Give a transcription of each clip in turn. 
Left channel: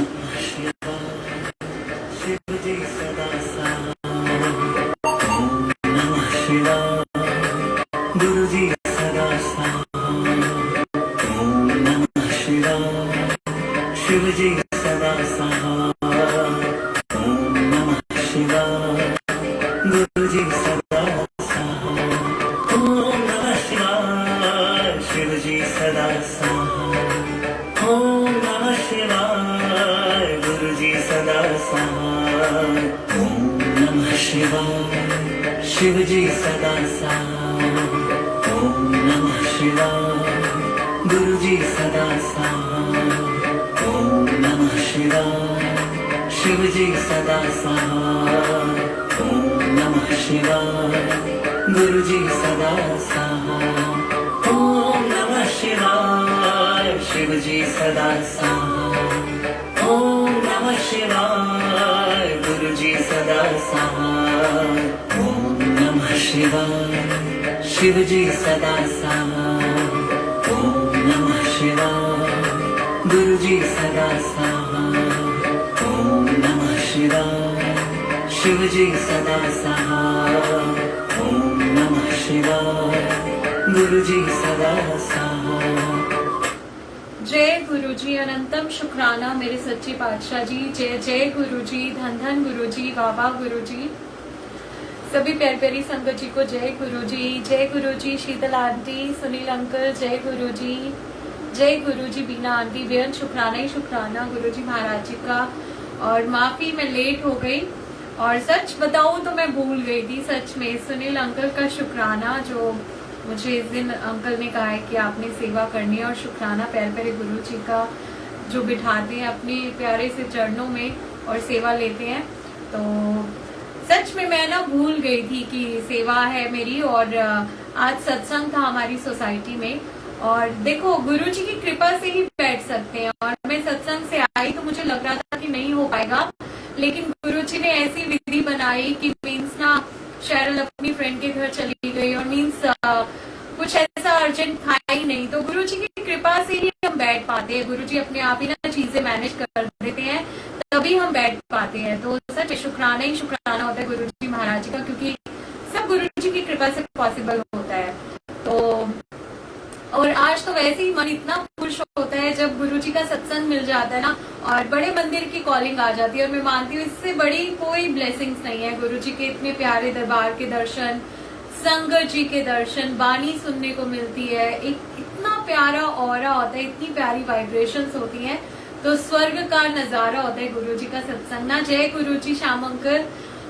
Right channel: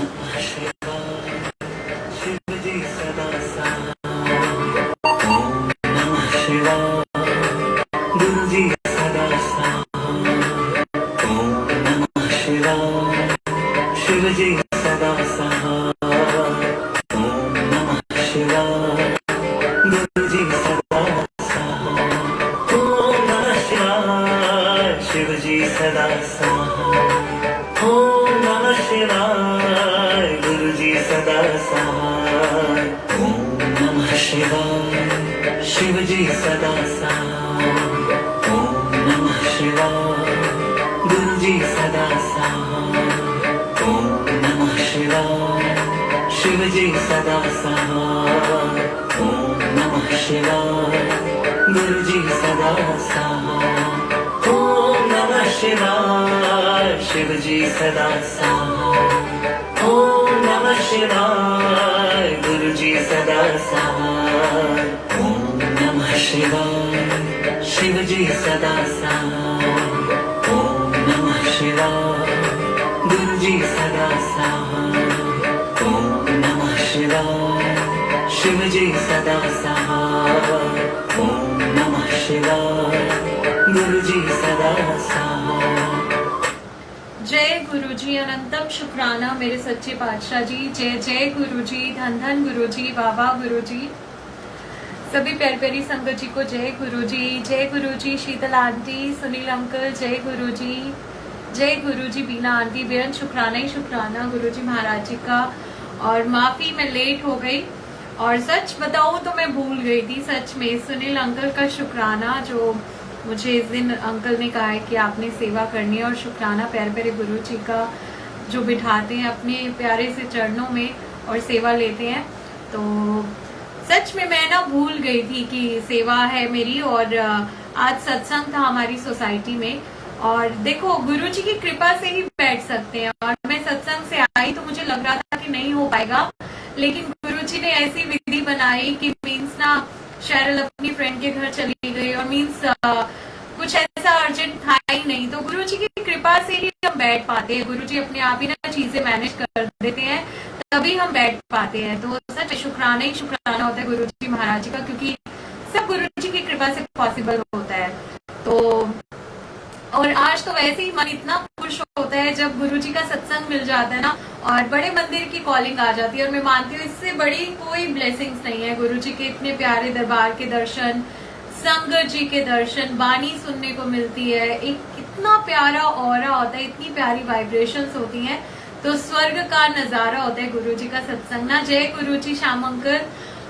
शिवजी सदा सहाय। ओम नमः शिवाय। गुरुजी सदा सहाय। ओम नमः शिवाय। शिवजी सदा सहाय। ओम नमः शिवाय। गुरुजी सदा सहाय। ओम नमः शिवाय। शिवजी सदा सहाय। ओम नमः शिवाय। गुरुजी सदा सहाय। ओम नमः शिवाय। शिवजी सदा सहाय। ओम नमः शिवाय। गुरुजी सदा सहाय। ओम नमः शिवाय। शिवजी सदा सहाय। ओम नमः शिवाय। गुरुजी सदा सहाय। जय गुरुजी, अनंतम शुक्राना मेरे सच्चे पातशाह जी। जय जय गुरुजी, धन धन गुरुजी, वाह गुरुजी। सभी प्यारी प्यारी संगत जी को जय गुरुजी। जय गुरुजी शीतल आंटी, सुनील अंकल, जय गुरुजी। जय गुरुजी बीना आंटी, बेहद शुक्राना ही शुक्राना गुरुजी महाराज जी का। और माफी, मैं लेट हो गई और सच बताऊं तो मैं भूल गई थी सच में। सुनील अंकल का शुक्राना, जो मुझे इस दिन अंकल ने कहा है कि आपने सेवा करनी है। और शुक्राना प्यारे प्यारे गुरु जी का, जो बिठाते हैं अपने प्यारे से चरणों में और सेवा लेते हैं। तो सच में मैं ना भूल गई थी कि सेवा है मेरी। और आज सत्संग था हमारी सोसाइटी में। और देखो, गुरु जी की कृपा से ही बैठ सकते हैं। और मैं सत्संग से आई तो मुझे लग रहा था कि नहीं हो पाएगा, लेकिन गुरु जी ने ऐसी विधि बनाई कि मीन्स ना शेरल अपनी फ्रेंड के घर चली गई और मीन्स कुछ ऐसा अर्जेंट था ही नहीं। तो गुरु जी की कृपा से ही हम बैठ पाते हैं। गुरु जी अपने आप ही ना चीजें मैनेज कर देते हैं, तभी हम बैठ पाते हैं। तो सच शुक्राना ही शुक्राना होता है गुरु जी महाराज जी का, क्योंकि सब गुरु जी की कृपा से पॉसिबल होता है। तो और आज तो वैसे ही मन इतना खुश होता है जब गुरु जी का सत्संग मिल जाता है ना, और बड़े मंदिर की कॉलिंग आ जाती है। और मैं मानती हूँ इससे बड़ी कोई ब्लेसिंग्स नहीं है। गुरु जी के इतने प्यारे दरबार के दर्शन, संगत जी के दर्शन, वाणी सुनने को मिलती है। एक इतना प्यारा ऑरा होता है, इतनी प्यारी वाइब्रेशंस होती हैं। तो स्वर्ग का नजारा होता है गुरु जी का सत्संग ना। जय गुरु जी श्याम अंकल।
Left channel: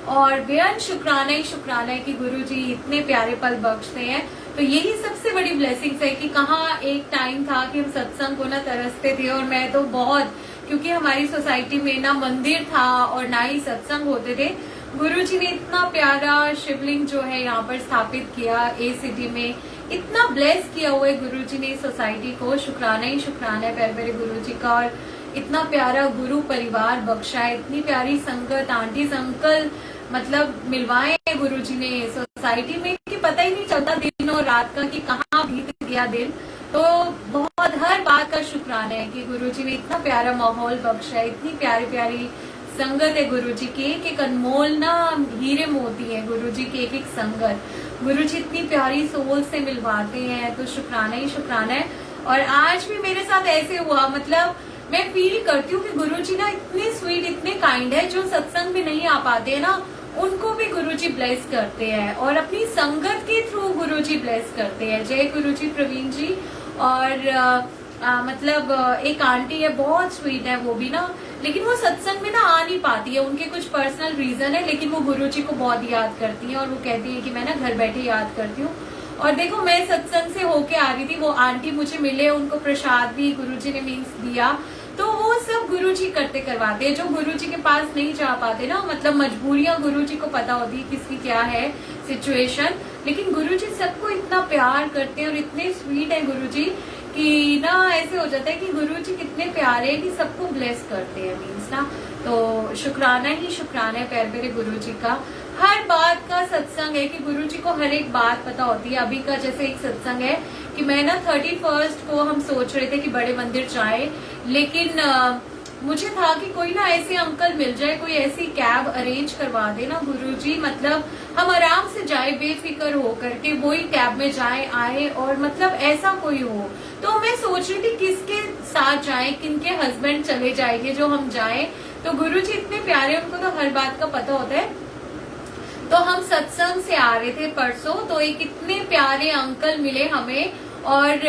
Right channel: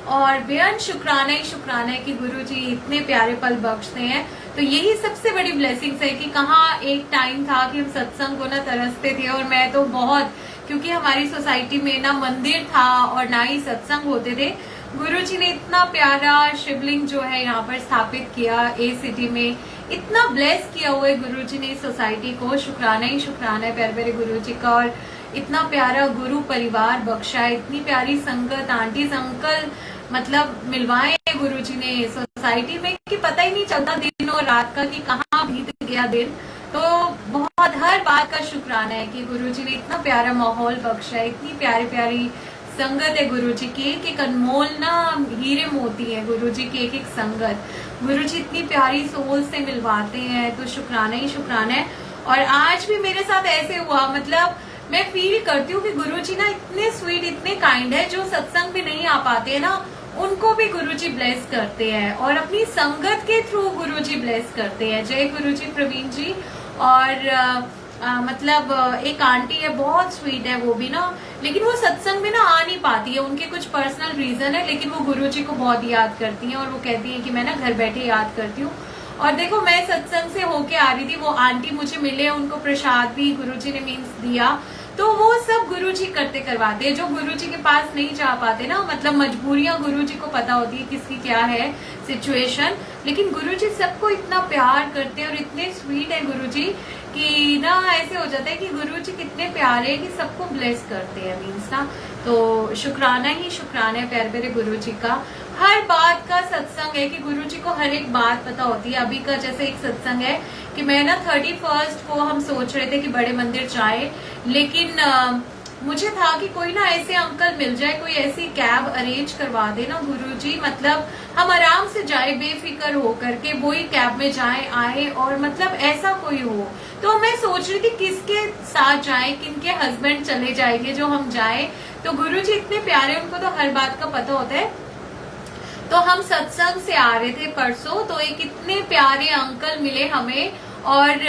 और बेहद शुक्राना ही शुक्राना है कि गुरु जी इतने प्यारे पल बख्शते हैं। तो यही सबसे बड़ी ब्लेसिंग्स है कि कहाँ एक टाइम था कि हम सत्संग को ना तरसते थे। और मैं तो बहुत, क्योंकि हमारी सोसाइटी में ना मंदिर था और ना ही सत्संग होते थे। गुरु जी ने इतना प्यारा शिवलिंग जो है यहाँ पर स्थापित किया ए सिटी में, इतना ब्लेस किया हुआ है गुरु जी ने इस सोसाइटी को। शुक्राना ही शुक्राना है प्यारे प्यारे गुरु जी का। और इतना प्यारा गुरु परिवार बख्शा है, इतनी प्यारी संगत, आंटीज अंकल, मतलब मिलवाए हैं गुरु जी ने सोसाइटी में कि पता ही नहीं चलता दिन और रात का कि कहाँ बीत गया दिन। तो बहुत हर बात का शुक्राना है कि गुरु जी ने इतना प्यारा माहौल बख्शा है, इतनी प्यारी प्यारी संगत है गुरु जी की। एक एक अनमोल ना हीरे मोती है गुरु जी की एक एक संगत। गुरु जी इतनी प्यारी सोल से मिलवाते हैं, तो शुक्राना ही शुक्राना है। और आज भी मेरे साथ ऐसे हुआ, मतलब मैं फील करती हूँ कि गुरु जी ना इतने स्वीट, इतने काइंड है। जो सत्संग भी नहीं आ पाते हैं ना, उनको भी गुरु जी ब्लेस करते हैं और अपनी संगत के थ्रू गुरु जी ब्लेस करते हैं। जय गुरु जी प्रवीण जी। और मतलब एक आंटी है, बहुत स्वीट है वो भी ना, लेकिन वो सत्संग में ना आ नहीं पाती है। उनके कुछ पर्सनल रीजन है, लेकिन वो गुरु जी को बहुत याद करती है। और वो कहती है कि मैं ना घर बैठे याद करती हूँ। और देखो, मैं सत्संग से होके आ रही थी, वो आंटी मुझे मिले, उनको प्रसाद भी गुरु जी ने मीन्स दिया। तो वो सब गुरु जी करते करवाते हैं। जो गुरु जी के पास नहीं जा पाते ना, मतलब मजबूरियां गुरु जी को पता होती है किसकी क्या है सिचुएशन, लेकिन गुरु जी सबको इतना प्यार करते हैं और इतने स्वीट है गुरु जी कि ना ऐसे हो जाता है कि गुरु जी कितने प्यारे हैं कि सबको ब्लेस करते हैं मीन्स ना। तो शुक्राना ही शुक्राना है प्यारे प्यारे गुरु जी का। हर बात का सत्संग है कि गुरु जी को हर एक बात पता होती है। अभी का जैसे एक सत्संग है कि मैं ना 31 को हम सोच रहे थे कि बड़े मंदिर जाए, लेकिन मुझे था कि कोई ना ऐसे अंकल मिल जाए, कोई ऐसी कैब अरेंज करवा दे ना गुरुजी, मतलब हम आराम से जाए बेफिक्र हो करके, वही कैब में जाए आए, और मतलब ऐसा कोई हो। तो मैं सोच रही थी किसके साथ जाए, किनके हस्बैंड चले जाएंगे जो हम जाए। तो गुरुजी इतने प्यारे, उनको तो हर बात का पता होता है। तो हम सत्संग से आ रहे थे परसों, तो एक इतने प्यारे अंकल मिले हमें, और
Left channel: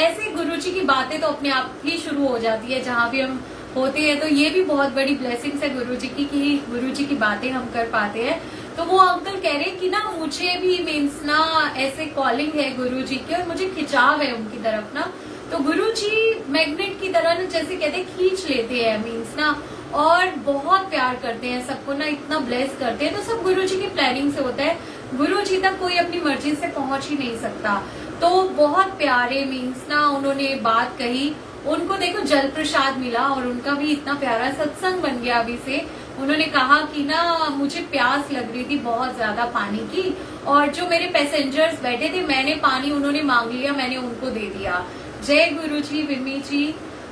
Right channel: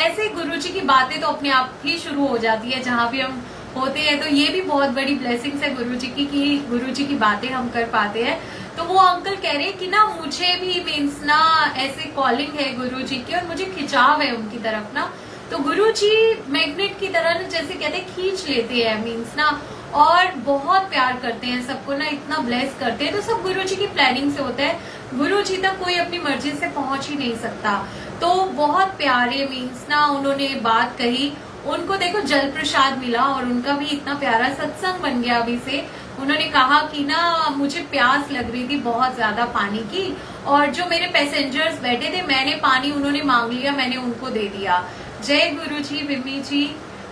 ऐसे गुरुजी की बातें तो अपने आप ही शुरू हो जाती है जहां भी हम होते हैं। तो ये भी बहुत बड़ी ब्लेसिंग्स है गुरुजी की कि गुरुजी की बातें हम कर पाते हैं। तो वो अंकल कह रहे हैं कि ना मुझे भी मीन्स ना ऐसे कॉलिंग है गुरुजी की, और मुझे खिंचाव है उनकी तरफ ना। तो गुरुजी मैग्नेट की तरह ना, जैसे कहते हैं, खींच लेते हैं मीन्स ना, और बहुत प्यार करते हैं सबको ना, इतना ब्लेस करते हैं। तो सब गुरुजी की प्लानिंग से होता है, गुरुजी तक कोई अपनी मर्जी से पहुंच ही नहीं सकता। तो बहुत प्यारे मीन्स ना उन्होंने बात कही, उनको देखो जल प्रसाद मिला, और उनका भी इतना प्यारा सत्संग बन गया अभी से। उन्होंने कहा कि ना मुझे प्यास लग रही थी बहुत ज्यादा पानी की, और जो मेरे पैसेंजर्स बैठे थे, मैंने पानी उन्होंने मांग लिया, मैंने उनको दे दिया। जय गुरुजी, विमी जी,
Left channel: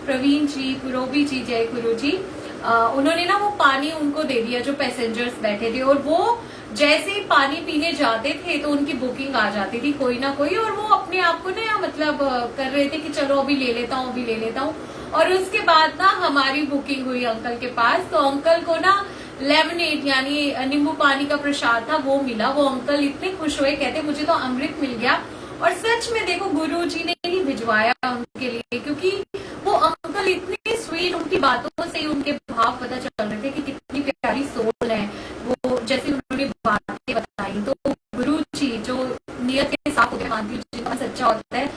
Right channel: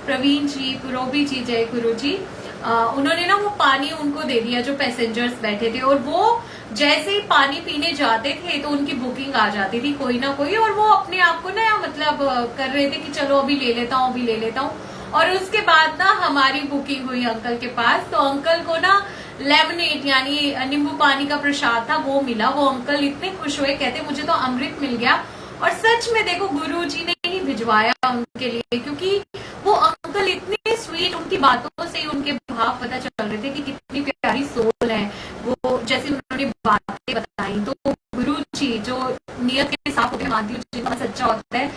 प्रवीण जी, पुरोबी जी, जय गुरुजी। उन्होंने ना वो पानी उनको दे दिया जो पैसेंजर्स बैठे थे, और वो जैसे ही पानी पीने जाते थे तो उनकी बुकिंग आ जाती थी कोई ना कोई, और वो अपने आप को ना मतलब कर रहे थे कि चलो अभी ले लेता हूँ, अभी ले लेता हूँ। और उसके बाद ना हमारी बुकिंग हुई अंकल के पास, तो अंकल को ना लेमनेट यानी नींबू पानी का प्रसाद था, वो मिला। वो अंकल इतने खुश हुए, कहते मुझे तो अमृत मिल गया। और सच में देखो गुरुजी ने ही भिजवाया उनके लिए, क्योंकि वो अंकल इतने स्वीट, उनकी बातों से उनके भाव पता चल रहे थे कि कितनी प्यारी सोल है वो, जैसे उन्होंने बातें बताई। तो गुरुजी जो नियत के साथ होकर मानती जिनका सच्चा होता है,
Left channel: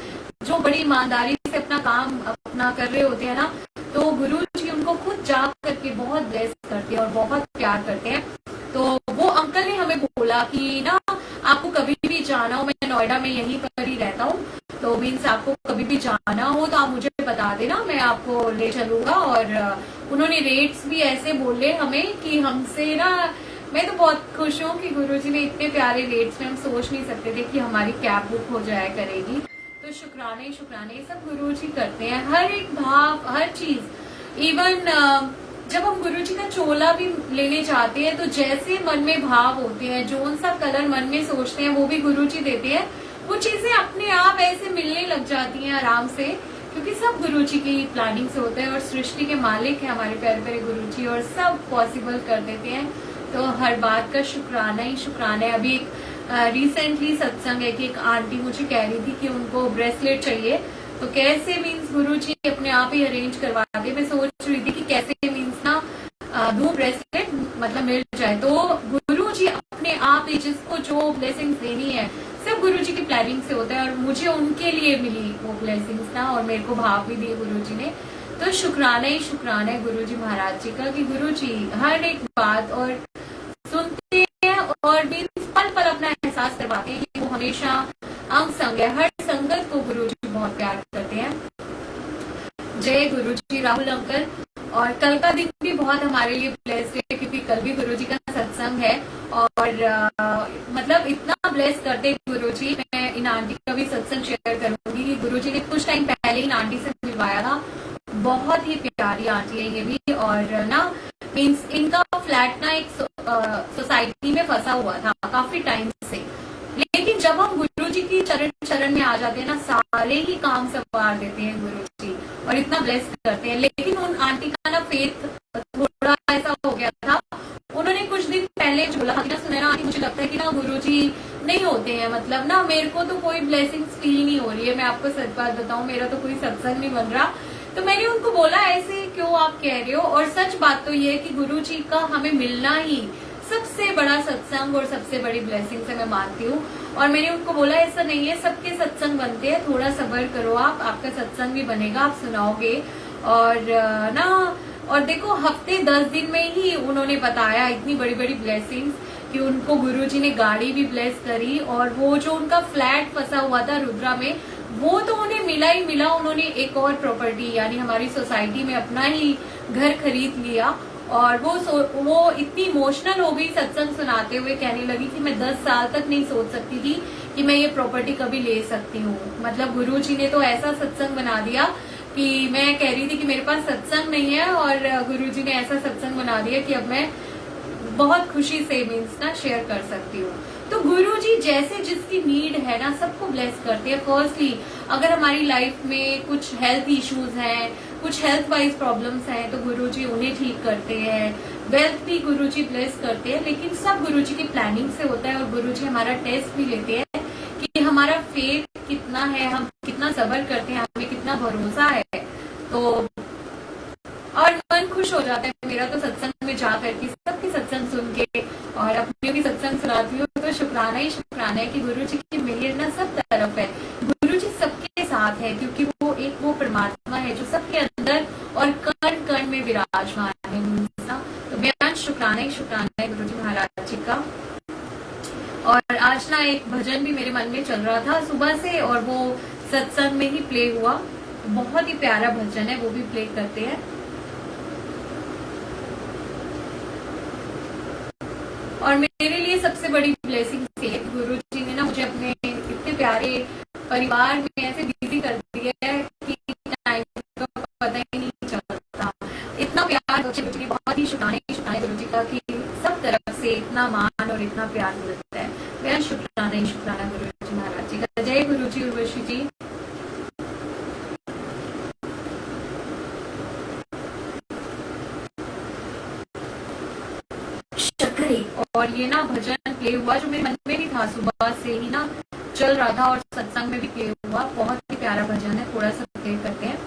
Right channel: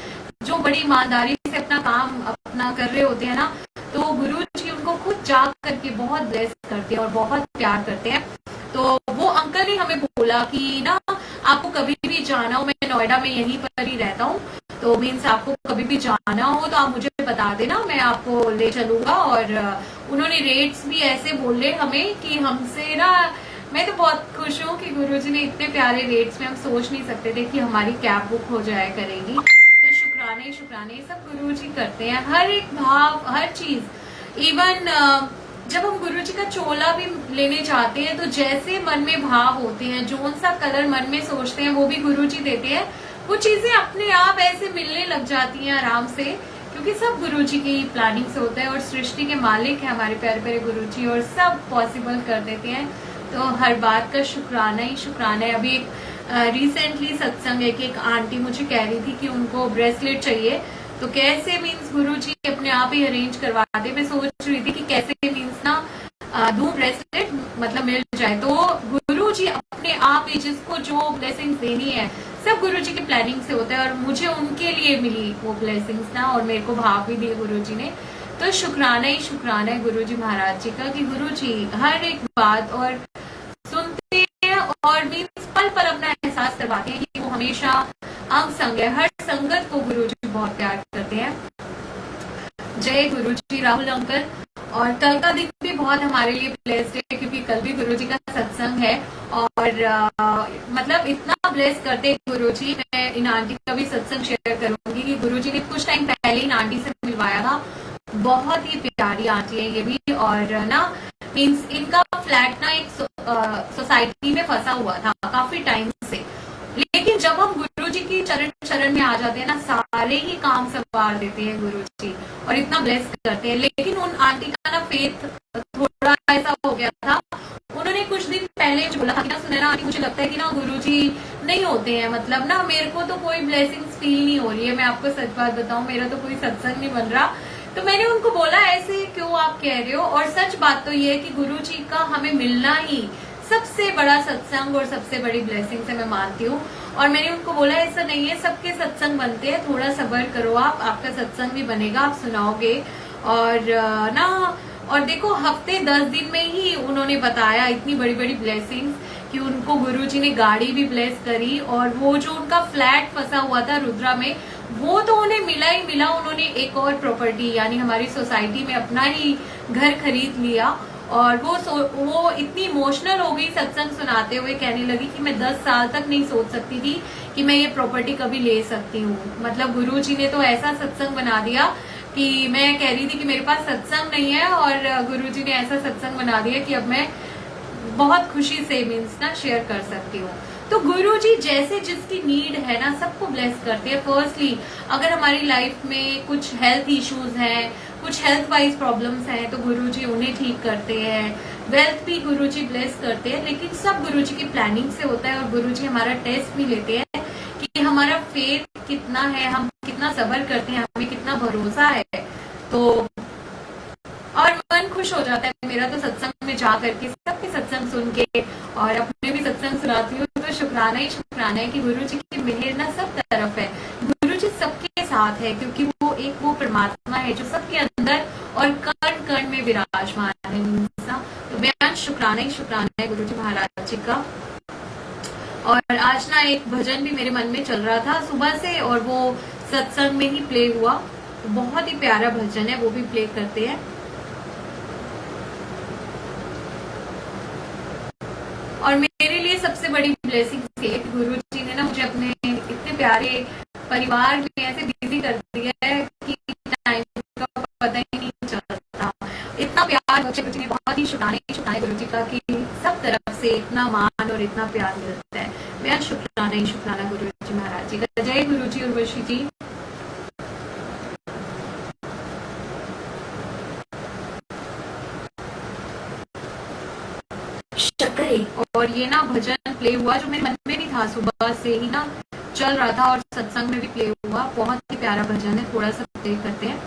जो बड़ी ईमानदारी से अपना काम अपना कर रहे होते हैं ना, तो गुरुजी उनको खुद जा करके बहुत ब्लेस करते हैं और बहुत प्यार करते हैं। तो वो अंकल ने हमें बोला कि ना आपको कभी भी जाना हो, मैं नोएडा में यहीं पर ही रहता हूँ, तो मीन्स आपको कभी भी जाना हो तो आप मुझे बता देना, मैं आपको ले चलूंगा। और उन्होंने रेट्स भी ऐसे बोले हमें कि हमसे ना, मैं तो बहुत खुश हूँ कि गुरुजी ने इतने प्यारे रेट्स में, हम सोच नहीं सकते थे कि हमारी कैब बुक हो जाया करेगी। तो शुक्राने शुक्राने सब गुरुजी करते हैं, हर एक भाव, हर चीज। इवन जब हम गुरुजी का चोला भी लेने जाते हैं, तो जैसे मन में भाव होते हैं, जो सा कलर मन में सोचते हैं, वो भी गुरुजी देते हैं। वो चीजें अपने आप ऐसे मिलने लग जाती हैं आराम से, क्योंकि सब गुरुजी की प्लानिंग से होता है, और सृष्टि के मालिक है हमारे प्यारे प्यारे गुरुजी, और सब पॉसिबल कर देते हैं। तो हर बात का शुक्राना ही शुक्राना है। अभी एक रिसेंटली सत्संग है कि एक आंटी मुझे कह रही थी कि उनको ब्रेसलेट चाहिए, तो कैसे मीन्स गुरुजी अपने आप ही अरेंज करवा दे। मैं सोच रही थी कि कैसे मीन्स ना दूं ब्रेसलेट, मतलब मिल जाए। तो गुरुजी अपने आप ही जिसको जो ब्लेसिंग्स देनी है, सब गुरुजी की प्लानिंग से होता है, और मुझे उनके लिए मिली वो ब्लेसिंग्स ना, और मेरे को भाव भी दिए गुरुजी ने। तो शुक्राना ही शुक्राना है गुरुजी महाराज जी का कि गुरुजी हर एक बात और सुनते हैं, और मीन्स पल पल अपना एहसास करवाते हैं कि वो हमेशा अंग संग है। हर संगत को गुरुजी बहुत प्यार करते हैं। जय गुरुजी। राहुल अंकल, और कल का दिन भी बहुत हमारे लिए ब्लेस्ड है, क्योंकि कल भी गुरुजी का सत्संग है, और मतलब इतना ब्लेस करते गुरुजी। मैं इन आंटी का भी सत्संग शेयर करूंगी कि गुरुजी ने कुछ टाइम पहले इन आंटी से मिलवाया था, बहुत ही प्यारी आंटी है ये भी। और ना मीन्स इनका फ्लैट ना एक सोसाइटी में फंसा हुआ था काफी टाइम से, लेकिन जब हम गुरुजी की चरण में आ जाते हैं ना, सारे ही काम संवार देते हैं गुरुजी, और इतना ब्लेस करते हैं। लेकिन उन आंटी का ना फेथ थोड़ा ऐसा हो गया था, उन्होंने कुछ दिन पहले बोला था कि ना, सुनैना आंटी मुझे लगता है कि ना गुरुजी नहीं होते हैं, मतलब ना मेरे को तो कोई ब्लेसिंग्स फील नहीं हो रही है, मैं आपको सच बात बताऊं, मेरा तो कोई सत्संग नहीं बन रहा। तो मैंने उनको बोला ऐसे क्यों आप कह रहे हो, और सच बात तो ये है कि गुरुजी का हमें मिलना ही सबसे बड़ा सत्संग और सबसे बड़ी ब्लेसिंग से मैं मानती हूँ। और मैंने उनको बोला ऐसा नहीं है, सबके सत्संग बनते हैं, थोड़ा सब्र करो आप, आपका सत्संग भी बनेगा, आप सुनाओगे। और ना, और देखो हफ्ते 10 दिन में ही उन्होंने बताया इतनी बड़ी बड़ी ब्लेसिंग्स कि उनको गुरुजी ने गाड़ी भी ब्लेस करी, और वो जो उनका फ्लैट फंसा हुआ था रुद्रा में, वो तो उन्हें मिला ही मिला। उन्होंने एक और प्रॉपर्टी यानी हमारी सोसाइटी में अपना ही घर खरीद लिया, और वो इतनी इमोशनल हो गई सत्संग सुनाते हुए, कहने लगी कि मैं 10 साल तक नहीं सोच सकती थी कि मैं ये प्रॉपर्टी कभी ले सकती हूँ। मतलब गुरुजी ने तो ऐसा सत्संग बना दिया कि मैं कह रही थी कि मेरे पास सत्संग नहीं है और गुरुजी ने ऐसा सत्संग बना दिया कि अब मैं बहुत खुशी से मीन्स ना शेयर कर सकती हूँ। तो गुरुजी जैसे जिसकी नीड है ना सबको ब्लेस करते हैं। फर्स्टली अगर हमारी लाइफ में कुछ हेल्थ इश्यूज हैं, कुछ हेल्थ वाइज प्रॉब्लम्स हैं तो गुरुजी उन्हें ठीक करते हैं। वेल्थ भी गुरुजी ब्लेस करते हैं, लेकिन सब गुरुजी की प्लानिंग से होता है और गुरुजी हमारा टेस्ट भी लेते हैं कि हमारा फेथ कितना है, हम कितना सब्र करते हैं, हमें कितना भरोसा है। तो और मन खुश हो जाता है मेरा तो सत्संग में जा करके, सबकी सत्संग सुन के, और अपने भी सत्संग सुनाती हूँ तो शुक्राना ही शुक्राना है कि गुरु जी की मेहर ना सब तरफ है। गुरु जी सबके साथ है क्योंकि वो परमात्मा है जो सबके अंदर और कण कण में विराजमान है। तो बेहद शुक्राना ही शुक्राना है गुरु जी महाराज जी का। और आज ना एक भजन भी मेरे मन में चल रहा था सुबह से और वो सत्संग में ही प्ले हुआ। तो बहुत ही प्यारा भजन है, वो भी प्ले करते हैं। और मेरे लिए सबसे बड़ी ब्लेसिंग थी गुरु जी ने ना मुझे अपने इतने प्यारे परिवार में ऐसे बिजी कर दिया है कि टाइम का पता ही नहीं चलता। इतना प्यार गुरु जी ने, बहुत ही शुक्राना गुरु जी का कि सब तरफ से इतना मान और इतना प्यार मिलता है। मेरा शुक्राना ही शुक्राना गुरु जी महाराज जी का। जय गुरु जी उर्वशी जी। और ये ना भजन प्ले हुआ जो मेरे मन में भी था, सुबह से ही ना चल रहा था और सत्संग में भी प्ले हुआ। बहुत ही प्यारा भजन है, थोड़ा सा प्ले करते हैं।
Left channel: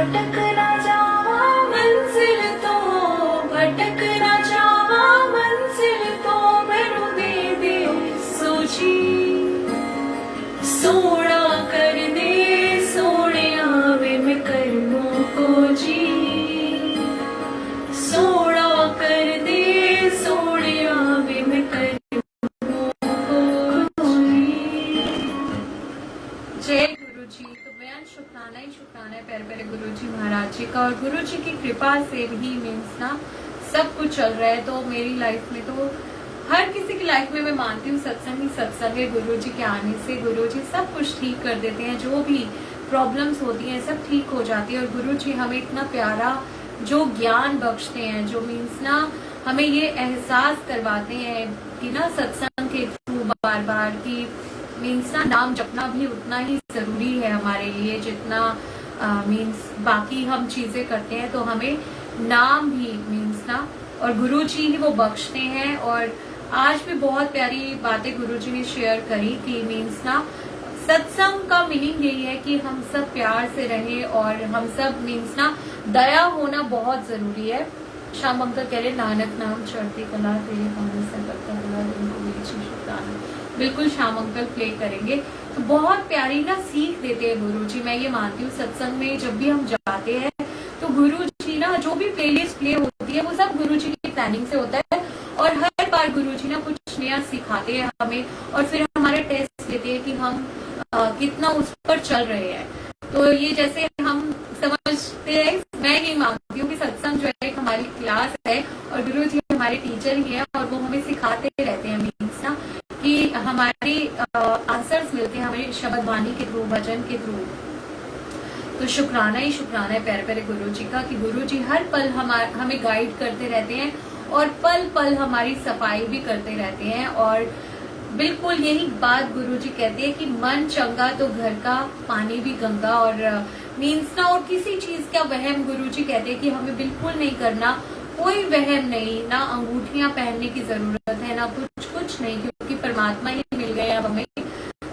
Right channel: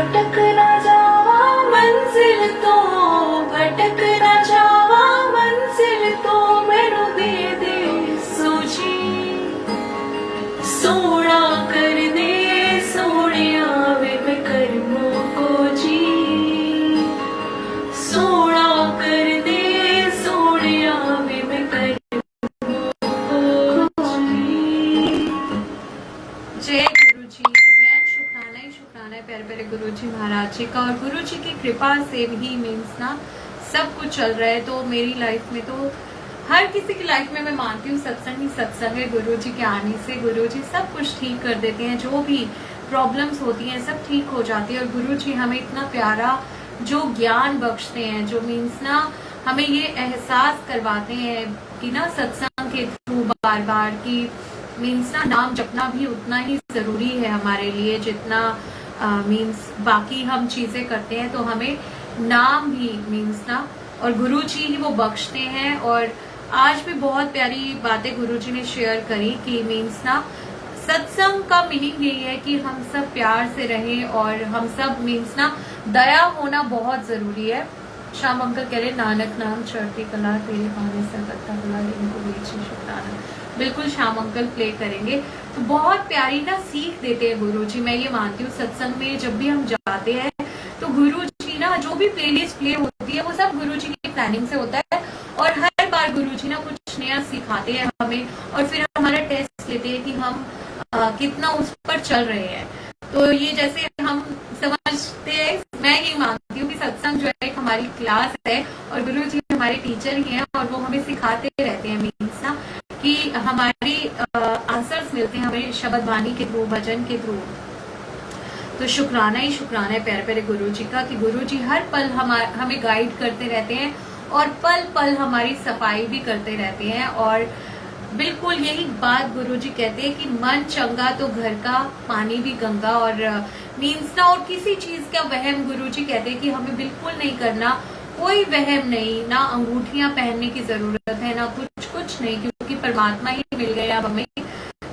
भटक ना जावा मंजिल तो, भटक ना जावा मंजिल तो, मैनू दे दे सोची, सोना कर दे सोनिया वे मैं करमों को जी, सोना कर दे सोनिया वे मैं करमों को जी। जय गुरु जी। तो बेहद शुक्राना ही शुक्राना है प्यारे प्यारे गुरु जी महाराज जी का, और गुरु जी की कृपा से ही मीन्स ना सब कुछ चल रहा है। तो मेरी लाइफ में तो हर किसी की लाइफ में मैं मानती हूँ सत्संग ही सत्संग है। गुरु जी के आने से गुरु जी सब कुछ ठीक कर देते हैं, जो भी प्रॉब्लम्स होती हैं सब ठीक हो जाती है। और गुरु जी हमें इतना प्यारा जो ज्ञान बख्शते हैं, जो मीन्स ना हमें ये एहसास करवाते हैं कि ना सत्संग के थ्रू बार बार की मीन्स ना नाम जपना भी उतना ही जरूरी है हमारे लिए जितना मीन्स बाकी हम चीजें करते हैं। तो हमें नाम भी मीन्स ना और गुरु जी ही वो बख्शते हैं। और आज भी बहुत प्यारी बातें गुरु जी ने शेयर करी कि मीन्स ना सत्संग का मीनिंग यही है कि हम सब प्यार से रहें और हम सब मीन्स ना दया होना बहुत जरूरी है। श्याम अंकल कह रहे नानक नाम चढ़ती कला तेरे पानी से करता कला इनको बेची शुक्राना। बिल्कुल श्याम अंकल प्ले करेंगे। तो बहुत प्यारी ना सीख देते हैं गुरु जी। मैं ये मानती हूँ सत्संग में जब भी हम जाते हैं तो गुरु जी ना जो भी प्लेलिस्ट प्ले होती है वो सब गुरु जी की प्लानिंग से होता है। और हर बार गुरु जी ना कुछ नया सिखाते हैं हमें और फिर हमारा टेस्ट लेते हैं कि हम कितना उस पर चल रहे हैं। तो ये जैसे हम समझते हैं, मैं ये मानती हूँ कि सत्संग जो है एक हमारी क्लास है और गुरु जी हमारे टीचर ही हैं और वो हमें सिखाते रहते हैं मीन्स ना कि हमारी आंसर्स मिलते हैं हमें शब्द वाणी के थ्रू, भजन के थ्रू। तो शुक्राना ही शुक्राना है प्यारे प्यारे गुरु जी का कि गुरु जी हर पल हमें गाइड करते रहते हैं और पल पल हमारी सफाई भी करते रहते हैं। और बिल्कुल यही बात गुरु जी कहते हैं कि मन चंगा तो घर का पानी भी गंगा। और मीन्स ना और किसी चीज का वहम गुरु जी कहते हैं कि हमें बिल्कुल नहीं करना, कोई वहम नहीं, ना अंगूठियां पहनने की जरूरत है ना कुछ नहीं, क्योंकि परमात्मा ही मिल गए अब हमें।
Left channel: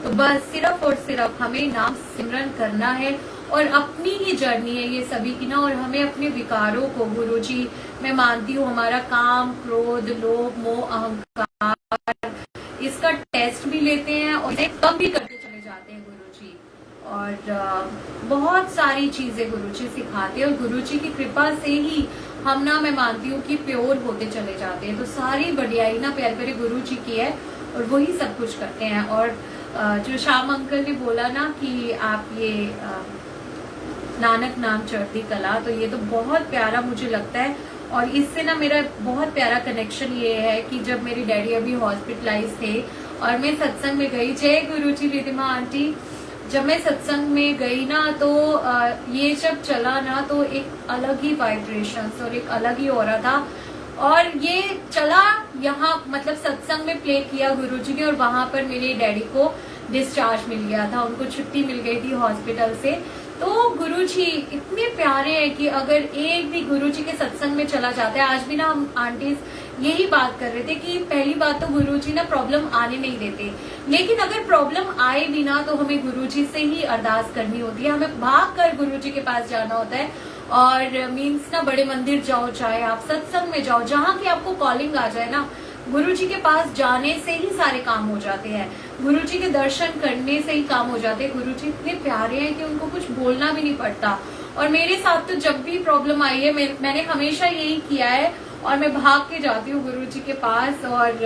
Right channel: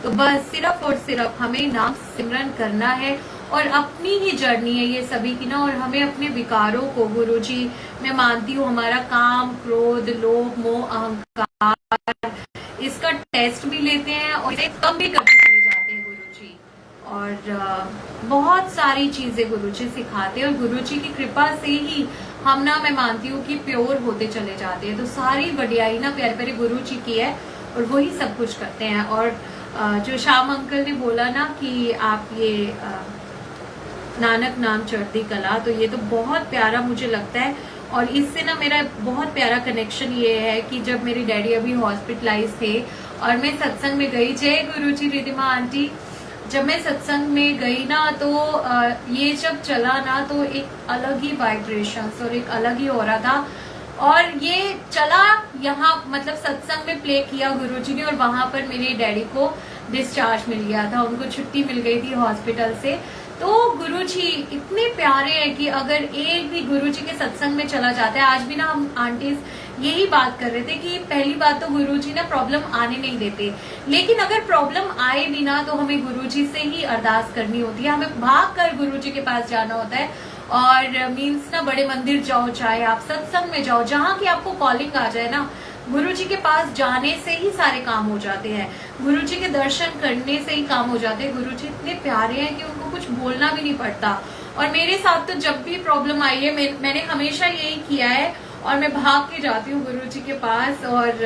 तो बस सिर्फ और सिर्फ हमें नाम सिमरन करना है और अपनी ही जर्नी है ये सभी की ना। और हमें अपने विकारों को गुरु जी मैं मानती हूँ हमारा काम, क्रोध, लोभ, मोह, अहंकार इसका टेस्ट भी लेते हैं और इसे कम भी करते चले जाते हैं गुरु जी। और बहुत सारी चीजें गुरु जी सिखाते हैं और गुरु जी की कृपा से ही हम ना मैं मानती हूँ कि प्योर होते चले जाते हैं। तो सारी बढ़ियाई ना प्यारे प्यारे गुरु जी की है और वही सब कुछ करते हैं। और जो श्याम अंकल ने बोला ना कि आप ये नानक नाम चढ़ती कला, तो ये तो बहुत प्यारा मुझे लगता है। और इससे ना मेरा बहुत प्यारा कनेक्शन ये है कि जब मेरे डैडी अभी हॉस्पिटलाइज थे और मैं सत्संग में गई, जय गुरु जी रिधिमा आंटी, जब मैं सत्संग में गई ना तो ये जब चला ना तो एक अलग ही वाइब्रेशन और एक अलग ही ऑरा था। और ये चला यहाँ मतलब सत्संग में प्ले किया गुरुजी ने और वहां पर मेरे डैडी को डिस्चार्ज मिल गया था, उनको छुट्टी मिल गई थी हॉस्पिटल से। तो गुरुजी इतने प्यारे हैं कि अगर एक भी गुरुजी के सत्संग में चला जाता है, आज भी ना हम आंटीज यही बात कर रहे थे कि पहली बात तो गुरुजी ना प्रॉब्लम आने नहीं देते, लेकिन अगर प्रॉब्लम आए भी ना तो हमें गुरुजी से ही अरदास करनी होती है, हमें भाग कर गुरुजी के पास जाना होता है। और मीन्स ना बड़े मंदिर जाओ, चाहे आप सत्संग में जाओ, जहां की आपको कॉलिंग आ जाए ना, गुरुजी के पास जाने से ही सारे काम हो जाते हैं, गुरुजी के दर्शन करने से ही काम हो जाते हैं। गुरुजी इतने प्यारे हैं कि उनको कुछ बोलना भी नहीं पड़ता। और मेरे साथ तो जब भी प्रॉब्लम आई है मैंने हमेशा यही किया है और मैं भाग के जाती हूँ गुरुजी के पास। और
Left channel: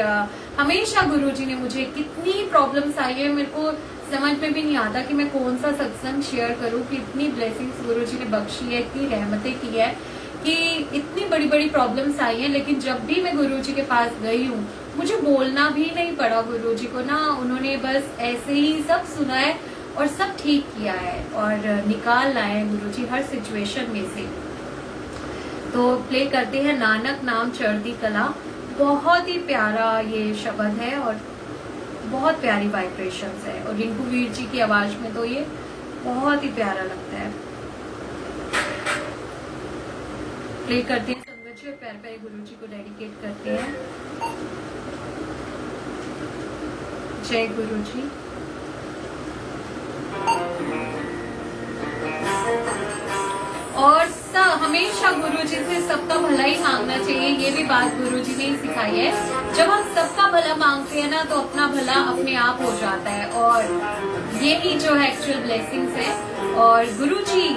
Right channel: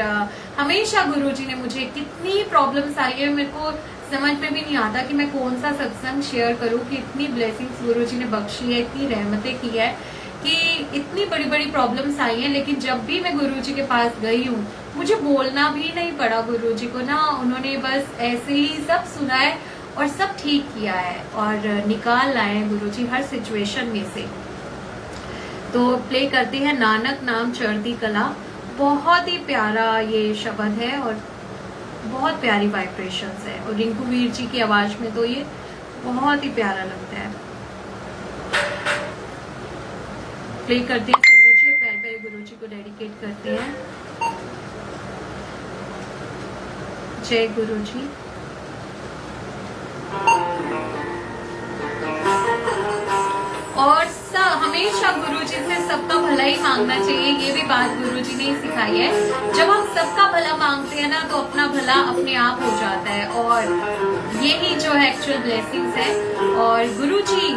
हमेशा गुरुजी ने मुझे कितनी प्रॉब्लम्स आई है, मेरे को समझ में भी नहीं आता कि मैं कौन सा सत्संग शेयर करूं कि इतनी ब्लेसिंग्स गुरुजी ने बख्शी है, इतनी रहमतें की है कि इतनी बड़ी बड़ी प्रॉब्लम्स आई हैं। लेकिन जब भी मैं गुरुजी के पास गई हूँ मुझे बोलना भी नहीं पड़ा गुरुजी को ना, उन्होंने बस ऐसे ही सब सुना है और सब ठीक किया है और निकाल लाए हैं गुरुजी हर सिचुएशन में से। तो प्ले करते हैं नानक नाम चढ़ती कला, बहुत ही प्यारा ये शब्द है और बहुत प्यारी वाइब्रेशंस है। और रिंकू वीर जी की आवाज में तो ये बहुत ही प्यारा लगता है। प्ले करते हैं संगत जी और प्यारे प्यारे गुरु जी को डेडिकेट करते हैं। जय गुरु जी। हमेशा गुरुजी से सबका भला ही मांगना चाहिए, ये भी बात गुरुजी ने ही सिखाई है। जब हम सबका भला मांगते हैं ना तो अपना भला अपने आप हो जाता है, और यही जो है एक्चुअल ब्लेसिंग्स है। और गुरुजी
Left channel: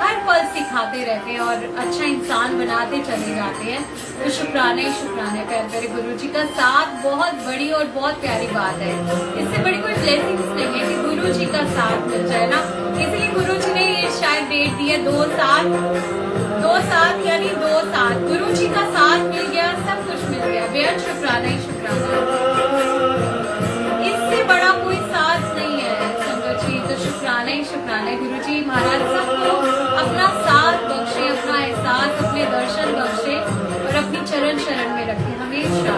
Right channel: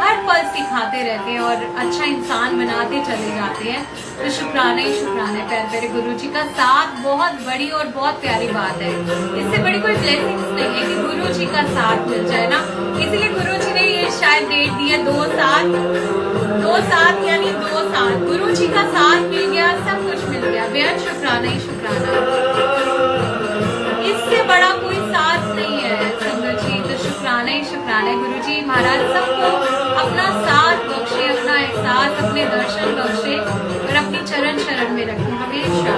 हर पल सिखाते रहते हैं और अच्छा इंसान बनाते चले जाते हैं। तो शुक्राना ही शुक्राना है प्यारे प्यारे गुरुजी का साथ, बहुत बड़ी और बहुत प्यारी बात है। इससे बड़ी कोई ब्लेसिंग्स नहीं है कि गुरुजी का साथ मिल जाए ना। इसलिए गुरुजी ने ये शायद डेट दी है 2-7 यानी 2-7 गुरुजी का साथ मिल गया, सब कुछ मिल गया। बेहद शुक्राना ही शुक्राना, इससे बड़ा कोई साथ नहीं है संगत जी। तो शुक्राना ही शुक्राना है गुरुजी महाराज सबको अपना साथ बख्शे, अपना एहसास, अपने दर्शन बख्शे और अपनी चरण शरण में रखे हमेशा।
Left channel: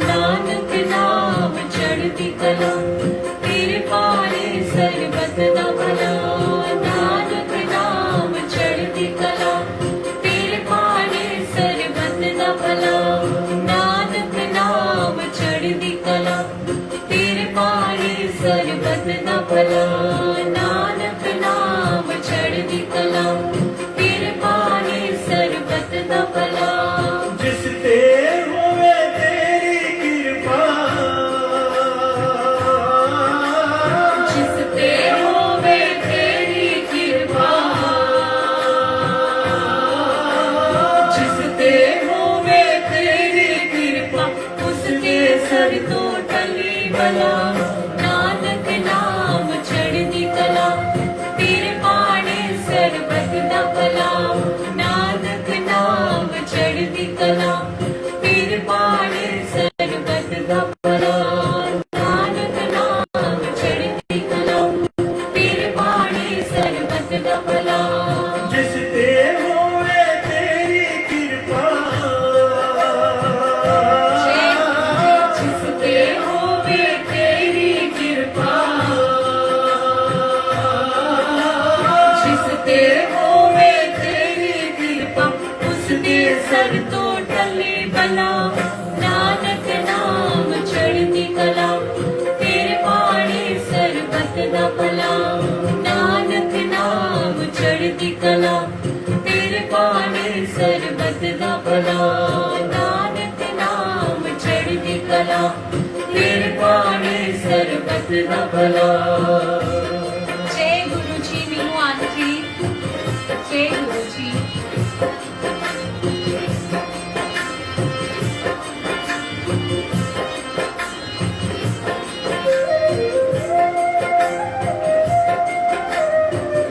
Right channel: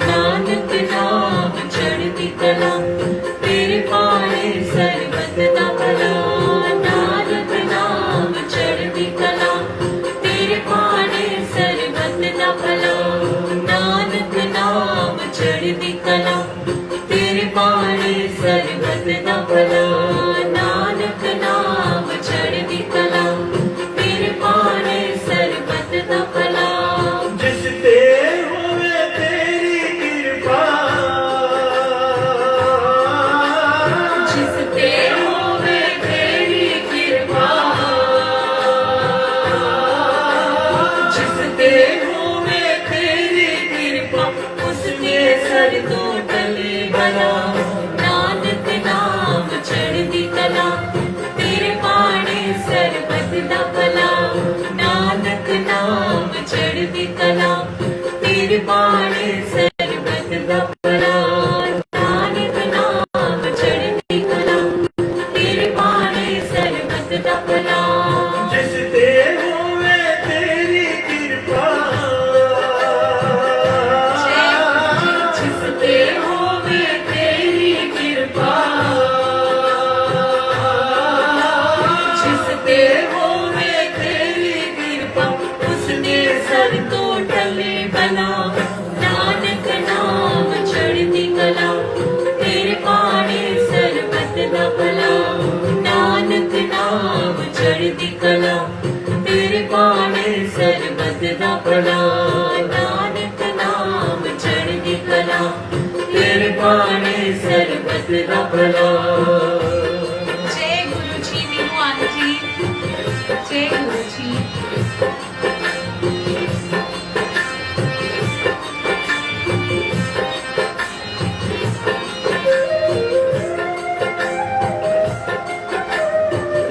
नानक नाम चढ़ती कला, तेरे पारे सरबत दा भला। नानक नाम चढ़ती कला, तेरे पारे सरबत दा भला। नानक नाम चढ़ती कला, तेरे पारे सरबत दा भला। नानक नाम चढ़ती कला, तेरे पारे सरबत दा भला। जिस ते होवे तेरी कृपा, जिस ते होवे तेरी कृपा, जिस ते होवे तेरी कृपा, उसके सर तो टले भला। नानक नाम चढ़ती कला, तेरे पाड़े सरबत दा भला। नानक नाम चढ़ती कला, तेरे पाड़े सरबत दा भला। नानक नाम चढ़ती कला, तेरे पाड़े सरबत दा भला। जिस ते होवे तेरी कृपा, जय गुरु जी, जिस ते होवे तेरी कृपा, जिस ते होवे तेरी कृपा, उसके सर तो टले भला। नानक नाम चढ़ती कला, तेरे पाड़े सरबत दा भला। नानक नाम चढ़ती कला, तेरे पाड़े सरबत दा भला। नानक नाम चढ़ती कला, तेरे पाड़े सरबत दा भला। जय गुरु जी, मीनू आंटी, जय गुरु जी।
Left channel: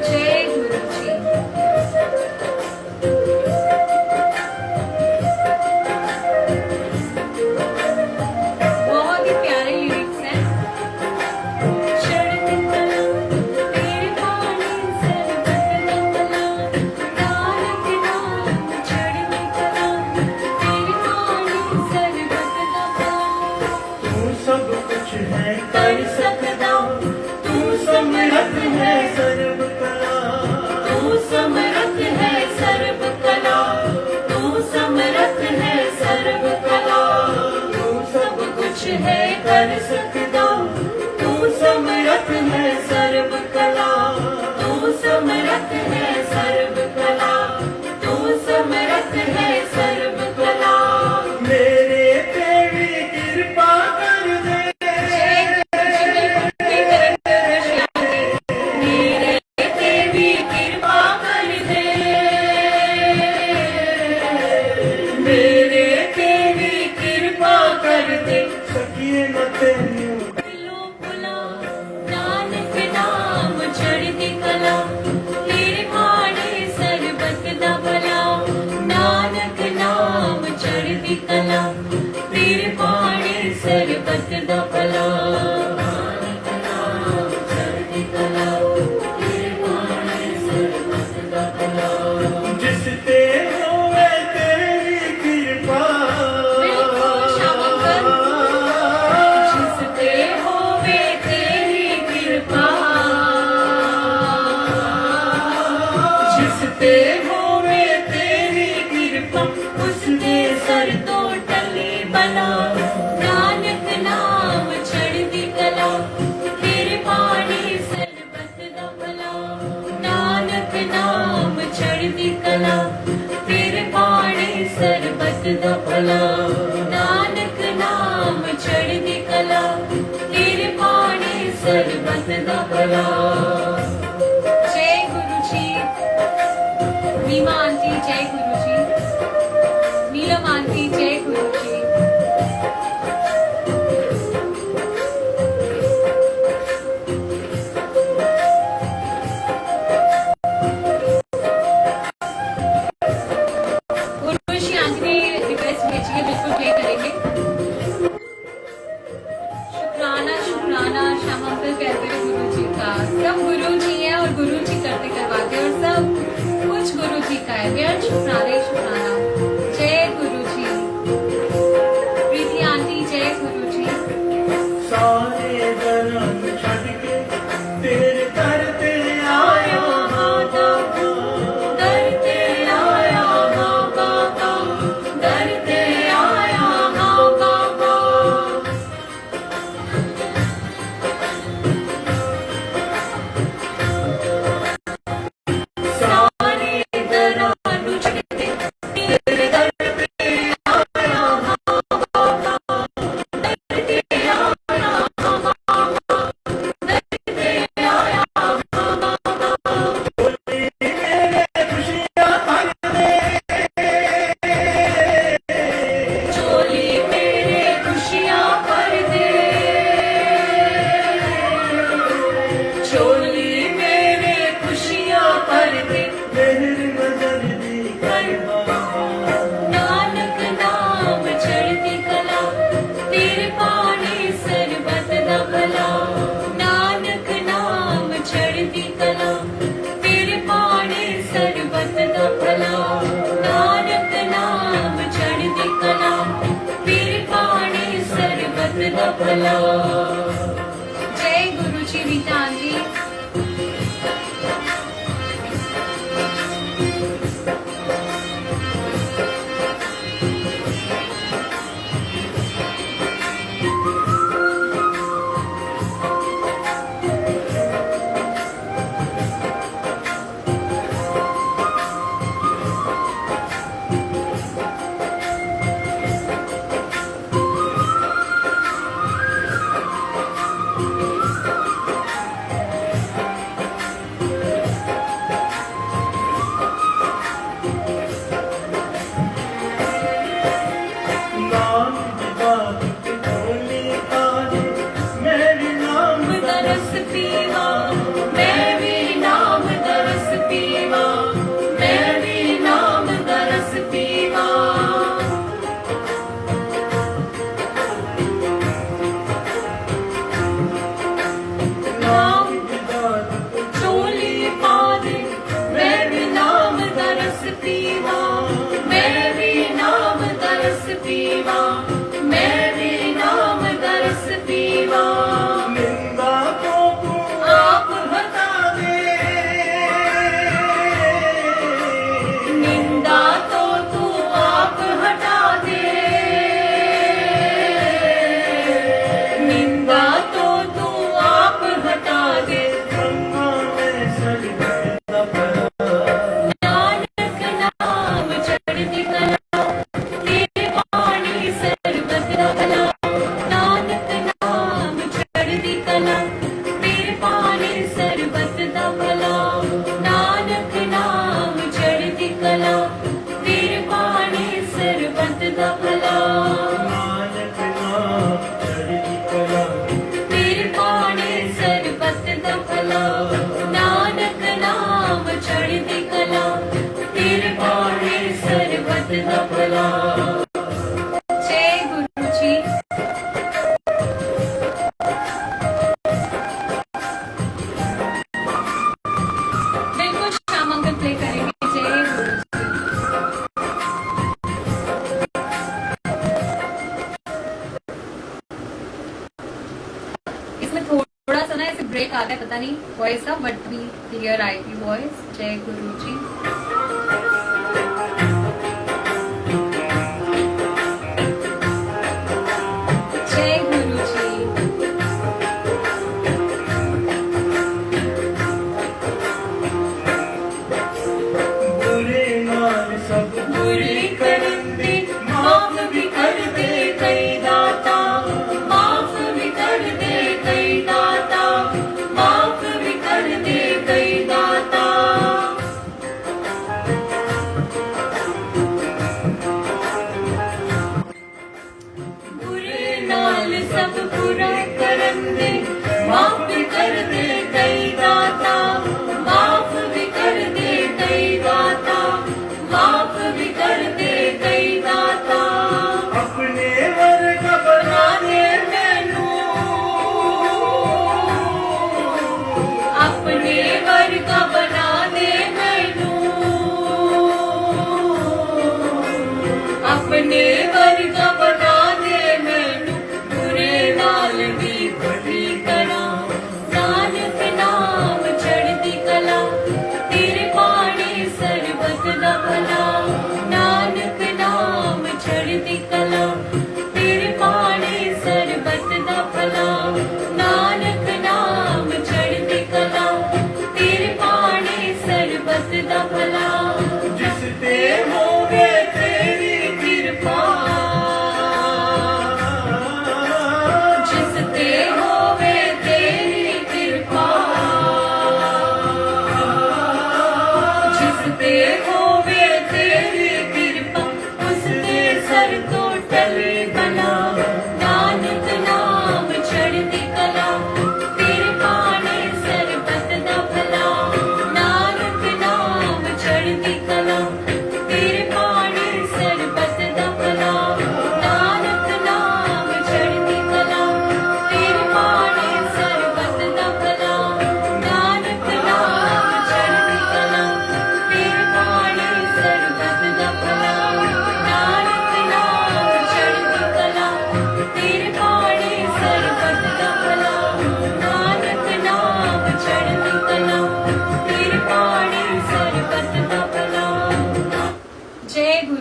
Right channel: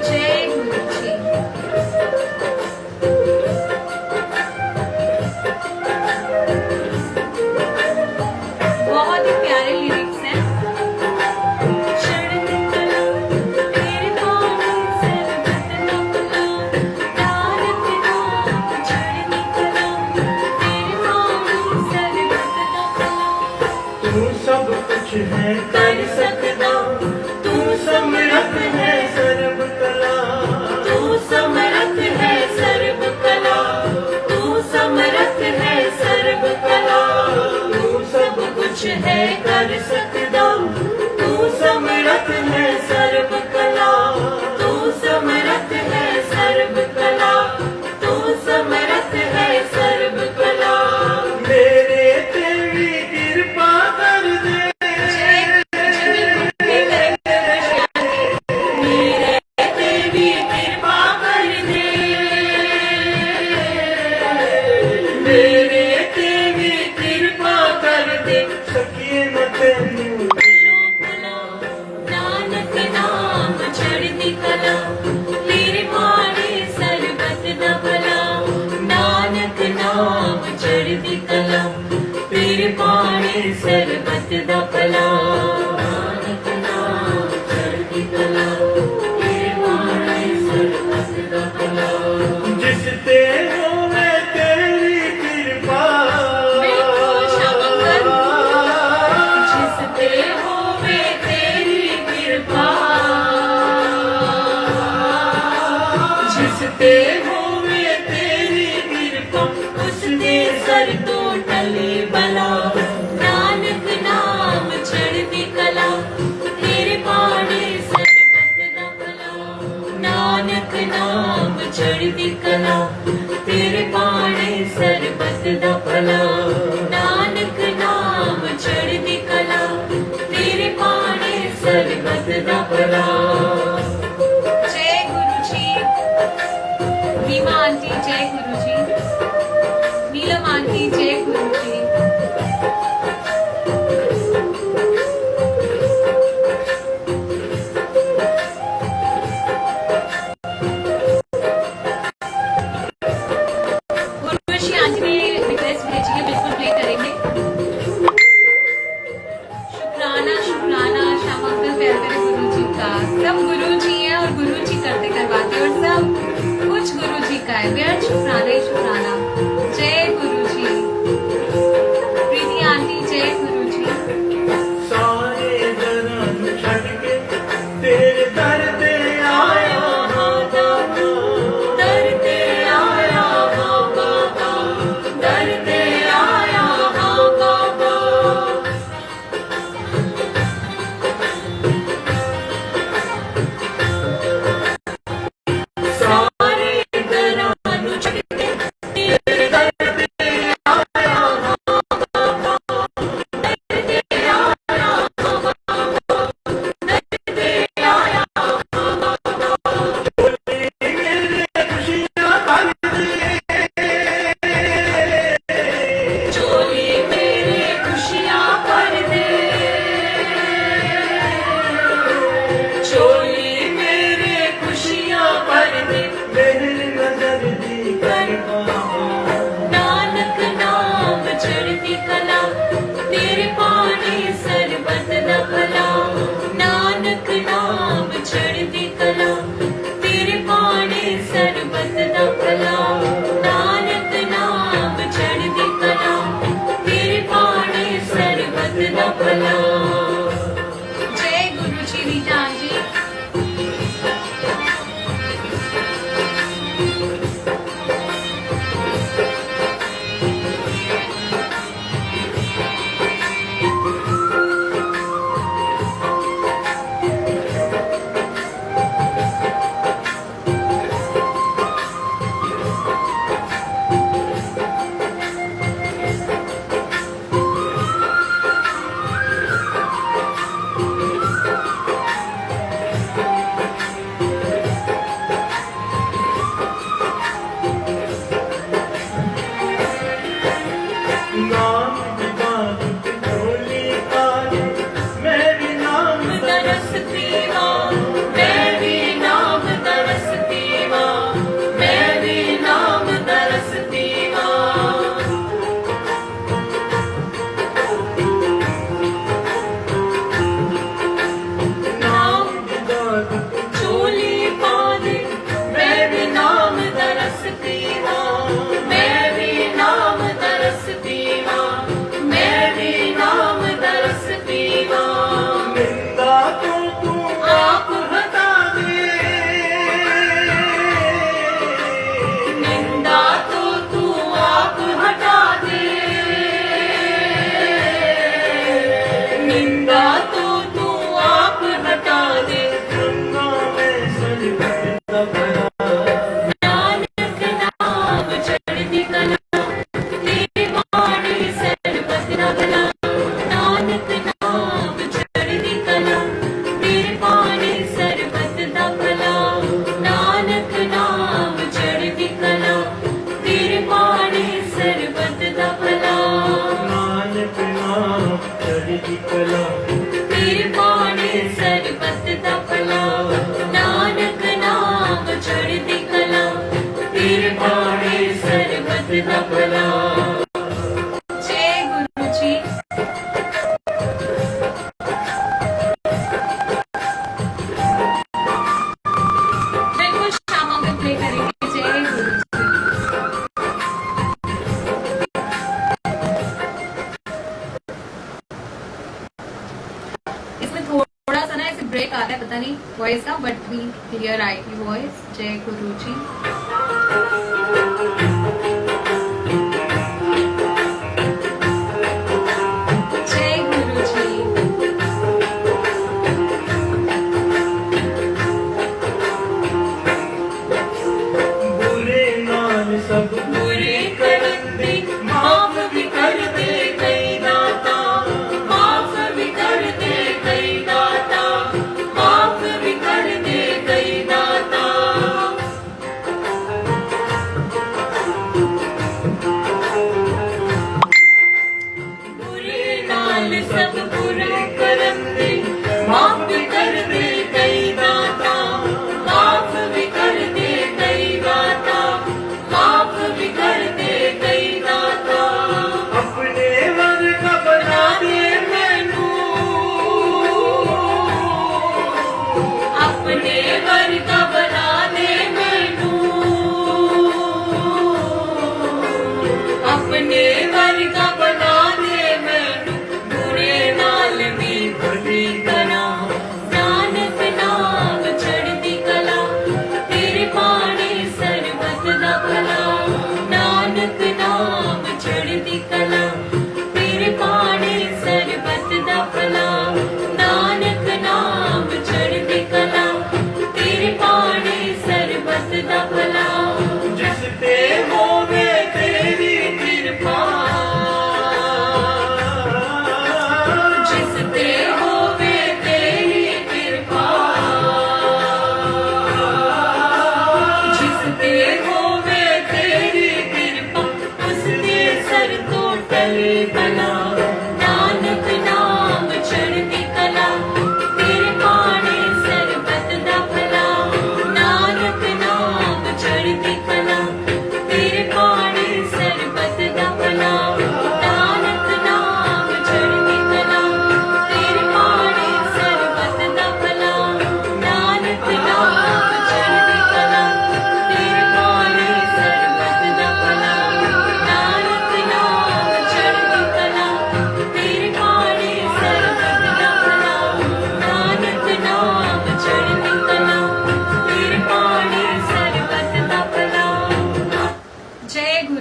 जय गुरु जी। बहुत ही प्यारे लिरिक्स हैं। चढ़ती कला, तेरे पाड़े सरबत दा भला। नानक नाम चढ़ती कला, तेरे पाड़े सरबत दा भला। तू सब कुछ है कर सकदा, तू समर्थ है सर्व कला। तू समर्थ है सर्व कला, तू समर्थ है सर्व कला। तू सब कुछ है कर सकदा, तू समर्थ है सर्व कला। तू समर्थ है सर्व कला, तू समर्थ है सर्व कला। मेरे ते भी कृपा कर दे, जय गुरु जी, बिल्कुल भी मेरे ते भी कृपा कर दे। मेरे ते भी कृपा कर दे। सखिए न तेनू नानक नाम चढ़ती कला, तेरे पाड़े सरबत दा भला। नानक नाम चढ़ती कला, तेरे पाड़े सरबत दा भला। नानक नाम चढ़ती कला, तेरे पाड़े सरबत दा भला। जिस ते होवे तेरी कृपा, बिल्कुल शामिल कर। जिस ते होवे तेरी कृपा, जिस ते होवे तेरी कृपा, उसके सर तो टली बला, नानक नाम चढ़दी कला, तेरे पानी सरबत दा भला, नानक नाम चढ़दी कला, तेरे पानी सरबत दा भला, नानक नाम चढ़दी कला, तेरे पानी सरबत दा भला। जय गुरु जी। नीमा आंटी जय गुरु जी, नीलम आंटी जय गुरु जी। उर्वशी आंटी ने रिक्वेस्ट भेजी है, बिल्कुल प्ले करेंगे। शुक्राना शुक्राना श्याम अंकल प्यारे प्यारे गुरु जी का। सब गुरु जी हैं और गुरु जी करते करवाते और सब कुछ गुरु जी का है। बेहद शुक्राना ही शुक्राना। जय गुरु जी। प्रीति आंटी जय गुरु जी। सारे जन्म छड़ के तेरे दर ते आया हाँ दाता, दर ते आया हाँ बाबा, दर ते आया हाँ बाबा। सारे दरां नूं छड़ के तेरे दर ते आया हाँ बाबा, दर ते आया हाँ बाबा, दर ते आया हाँ बाबा। चोली मेरे खुशियाँ भर दे, चोली मेरे खुशियाँ भर दे, चोली मेरे खुशियाँ भर दे, मेरी नजर दी करना, नानक नाम चढ़दी कला, तेरे पानी सरबत दा भला, नानक नाम चढ़दी कला, तेरे पानी सरबत दा भला, नानक नाम चढ़दी कला, तेरे पानी सरबत दा भला। जय गुरु जी रीता आंटी। नाम पिता चोली काली, मैं भी नाम तरस पीवा, मैं भी नाम तरस पीवा, मैं भी नाम तरस पीवा। नाम चोली पाली, मैं भी नाम तरस पीवा, मैं भी नाम तरस पीवा, मैं भी नाम तरस पीवा। निंदा तो तू आप हटा दे, निंदा तो तू आप हटा दे, निंदा तो तू आप हटा दे, गंगा में सरबत दा भला, नानक नाम चढ़दी कला, तेरे पानी सरबत दा भला, नानक नाम चढ़दी कला, तेरे पानी सरबत दा भला, नानक नाम चढ़दी कला, तेरे पानी सरबत दा भला, नानक नाम चढ़दी कला, तेरे पानी सरबत दा भला, नानक नाम चढ़दी कला, तेरे पानी सरबत दा भला। जय गुरु जी। बिल्कुल श्याम अंकल प्ले करेंगे। जय गुरु जी। इसमें थोड़ा सा ना ऐसे ब्रेक आता है, पता नहीं वॉइस का, बट भी क्लियर आएगी वॉइस। जय गुरु जी।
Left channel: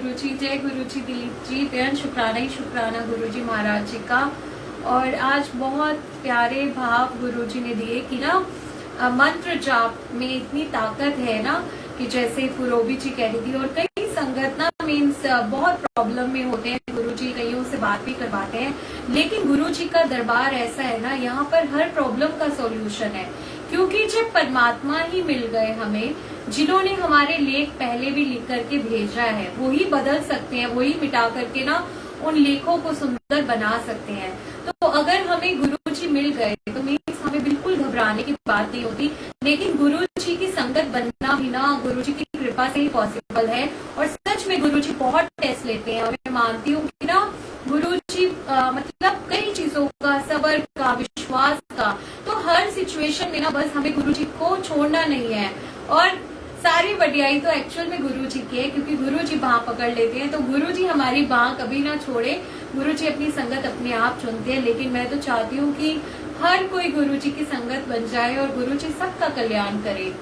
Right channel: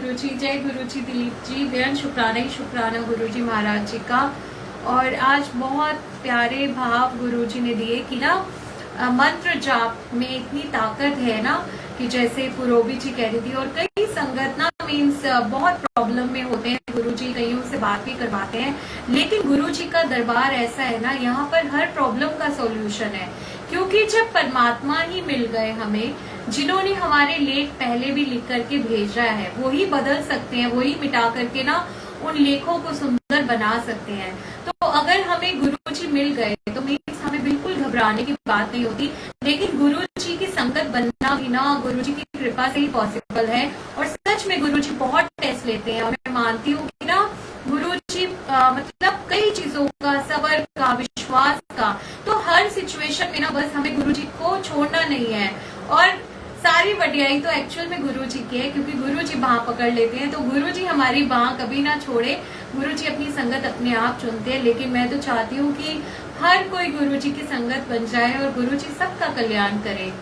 गुरुजी, जय गुरुजी दिलीप जी, बेहद शुक्राना ही शुक्राना गुरुजी महाराज जी का। और आज बहुत प्यारे भाव गुरुजी ने दिए कि ना मंत्र जाप में इतनी ताकत है ना, कि जैसे पुरोबी जी कह रही थी, और कई संगत ना मीन्स बहुत प्रॉब्लम में होते हैं, गुरुजी कईयों से बात भी करवाते हैं, लेकिन गुरुजी का दरबार ऐसा है ना, यहाँ पर हर प्रॉब्लम का सॉल्यूशन है। क्योंकि जब परमात्मा ही मिल गए हमें, जिन्होंने हमारे लेख पहले भी लिख करके भेजा है, वही बदल सकते हैं, वही मिटा करके ना उन लेखों को सुंदर बना सकते हैं। तो अगर हमें गुरुजी मिल गए तो मीन्स हमें बिल्कुल घबराने की बात नहीं होती। लेकिन गुरुजी की संगत बनना भी ना गुरुजी की कृपा से ही पॉसिबल है। और सच में गुरुजी बहुत टेस्ट लेते हैं, और मैं मानती हूँ कि ना गुरुजी मतलब कई चीजों का, सबर का, विश्वास का, तो हर सिचुएशन में ना बस हमें गुरुजी को छोड़ना नहीं है। और सारी वडियाई तो एक्चुअल में गुरुजी की है, क्योंकि गुरुजी बाह पकड़ लेते हैं, तो गुरुजी हमारी बाह कभी ना छोड़े। गुरुजी अपनी संगत अपने आप चुनते हैं, लेकिन मैं तो चाहती हूँ कि हर कोई गुरुजी की संगत बन जाए और गुरुजी सबका कल्याण करे,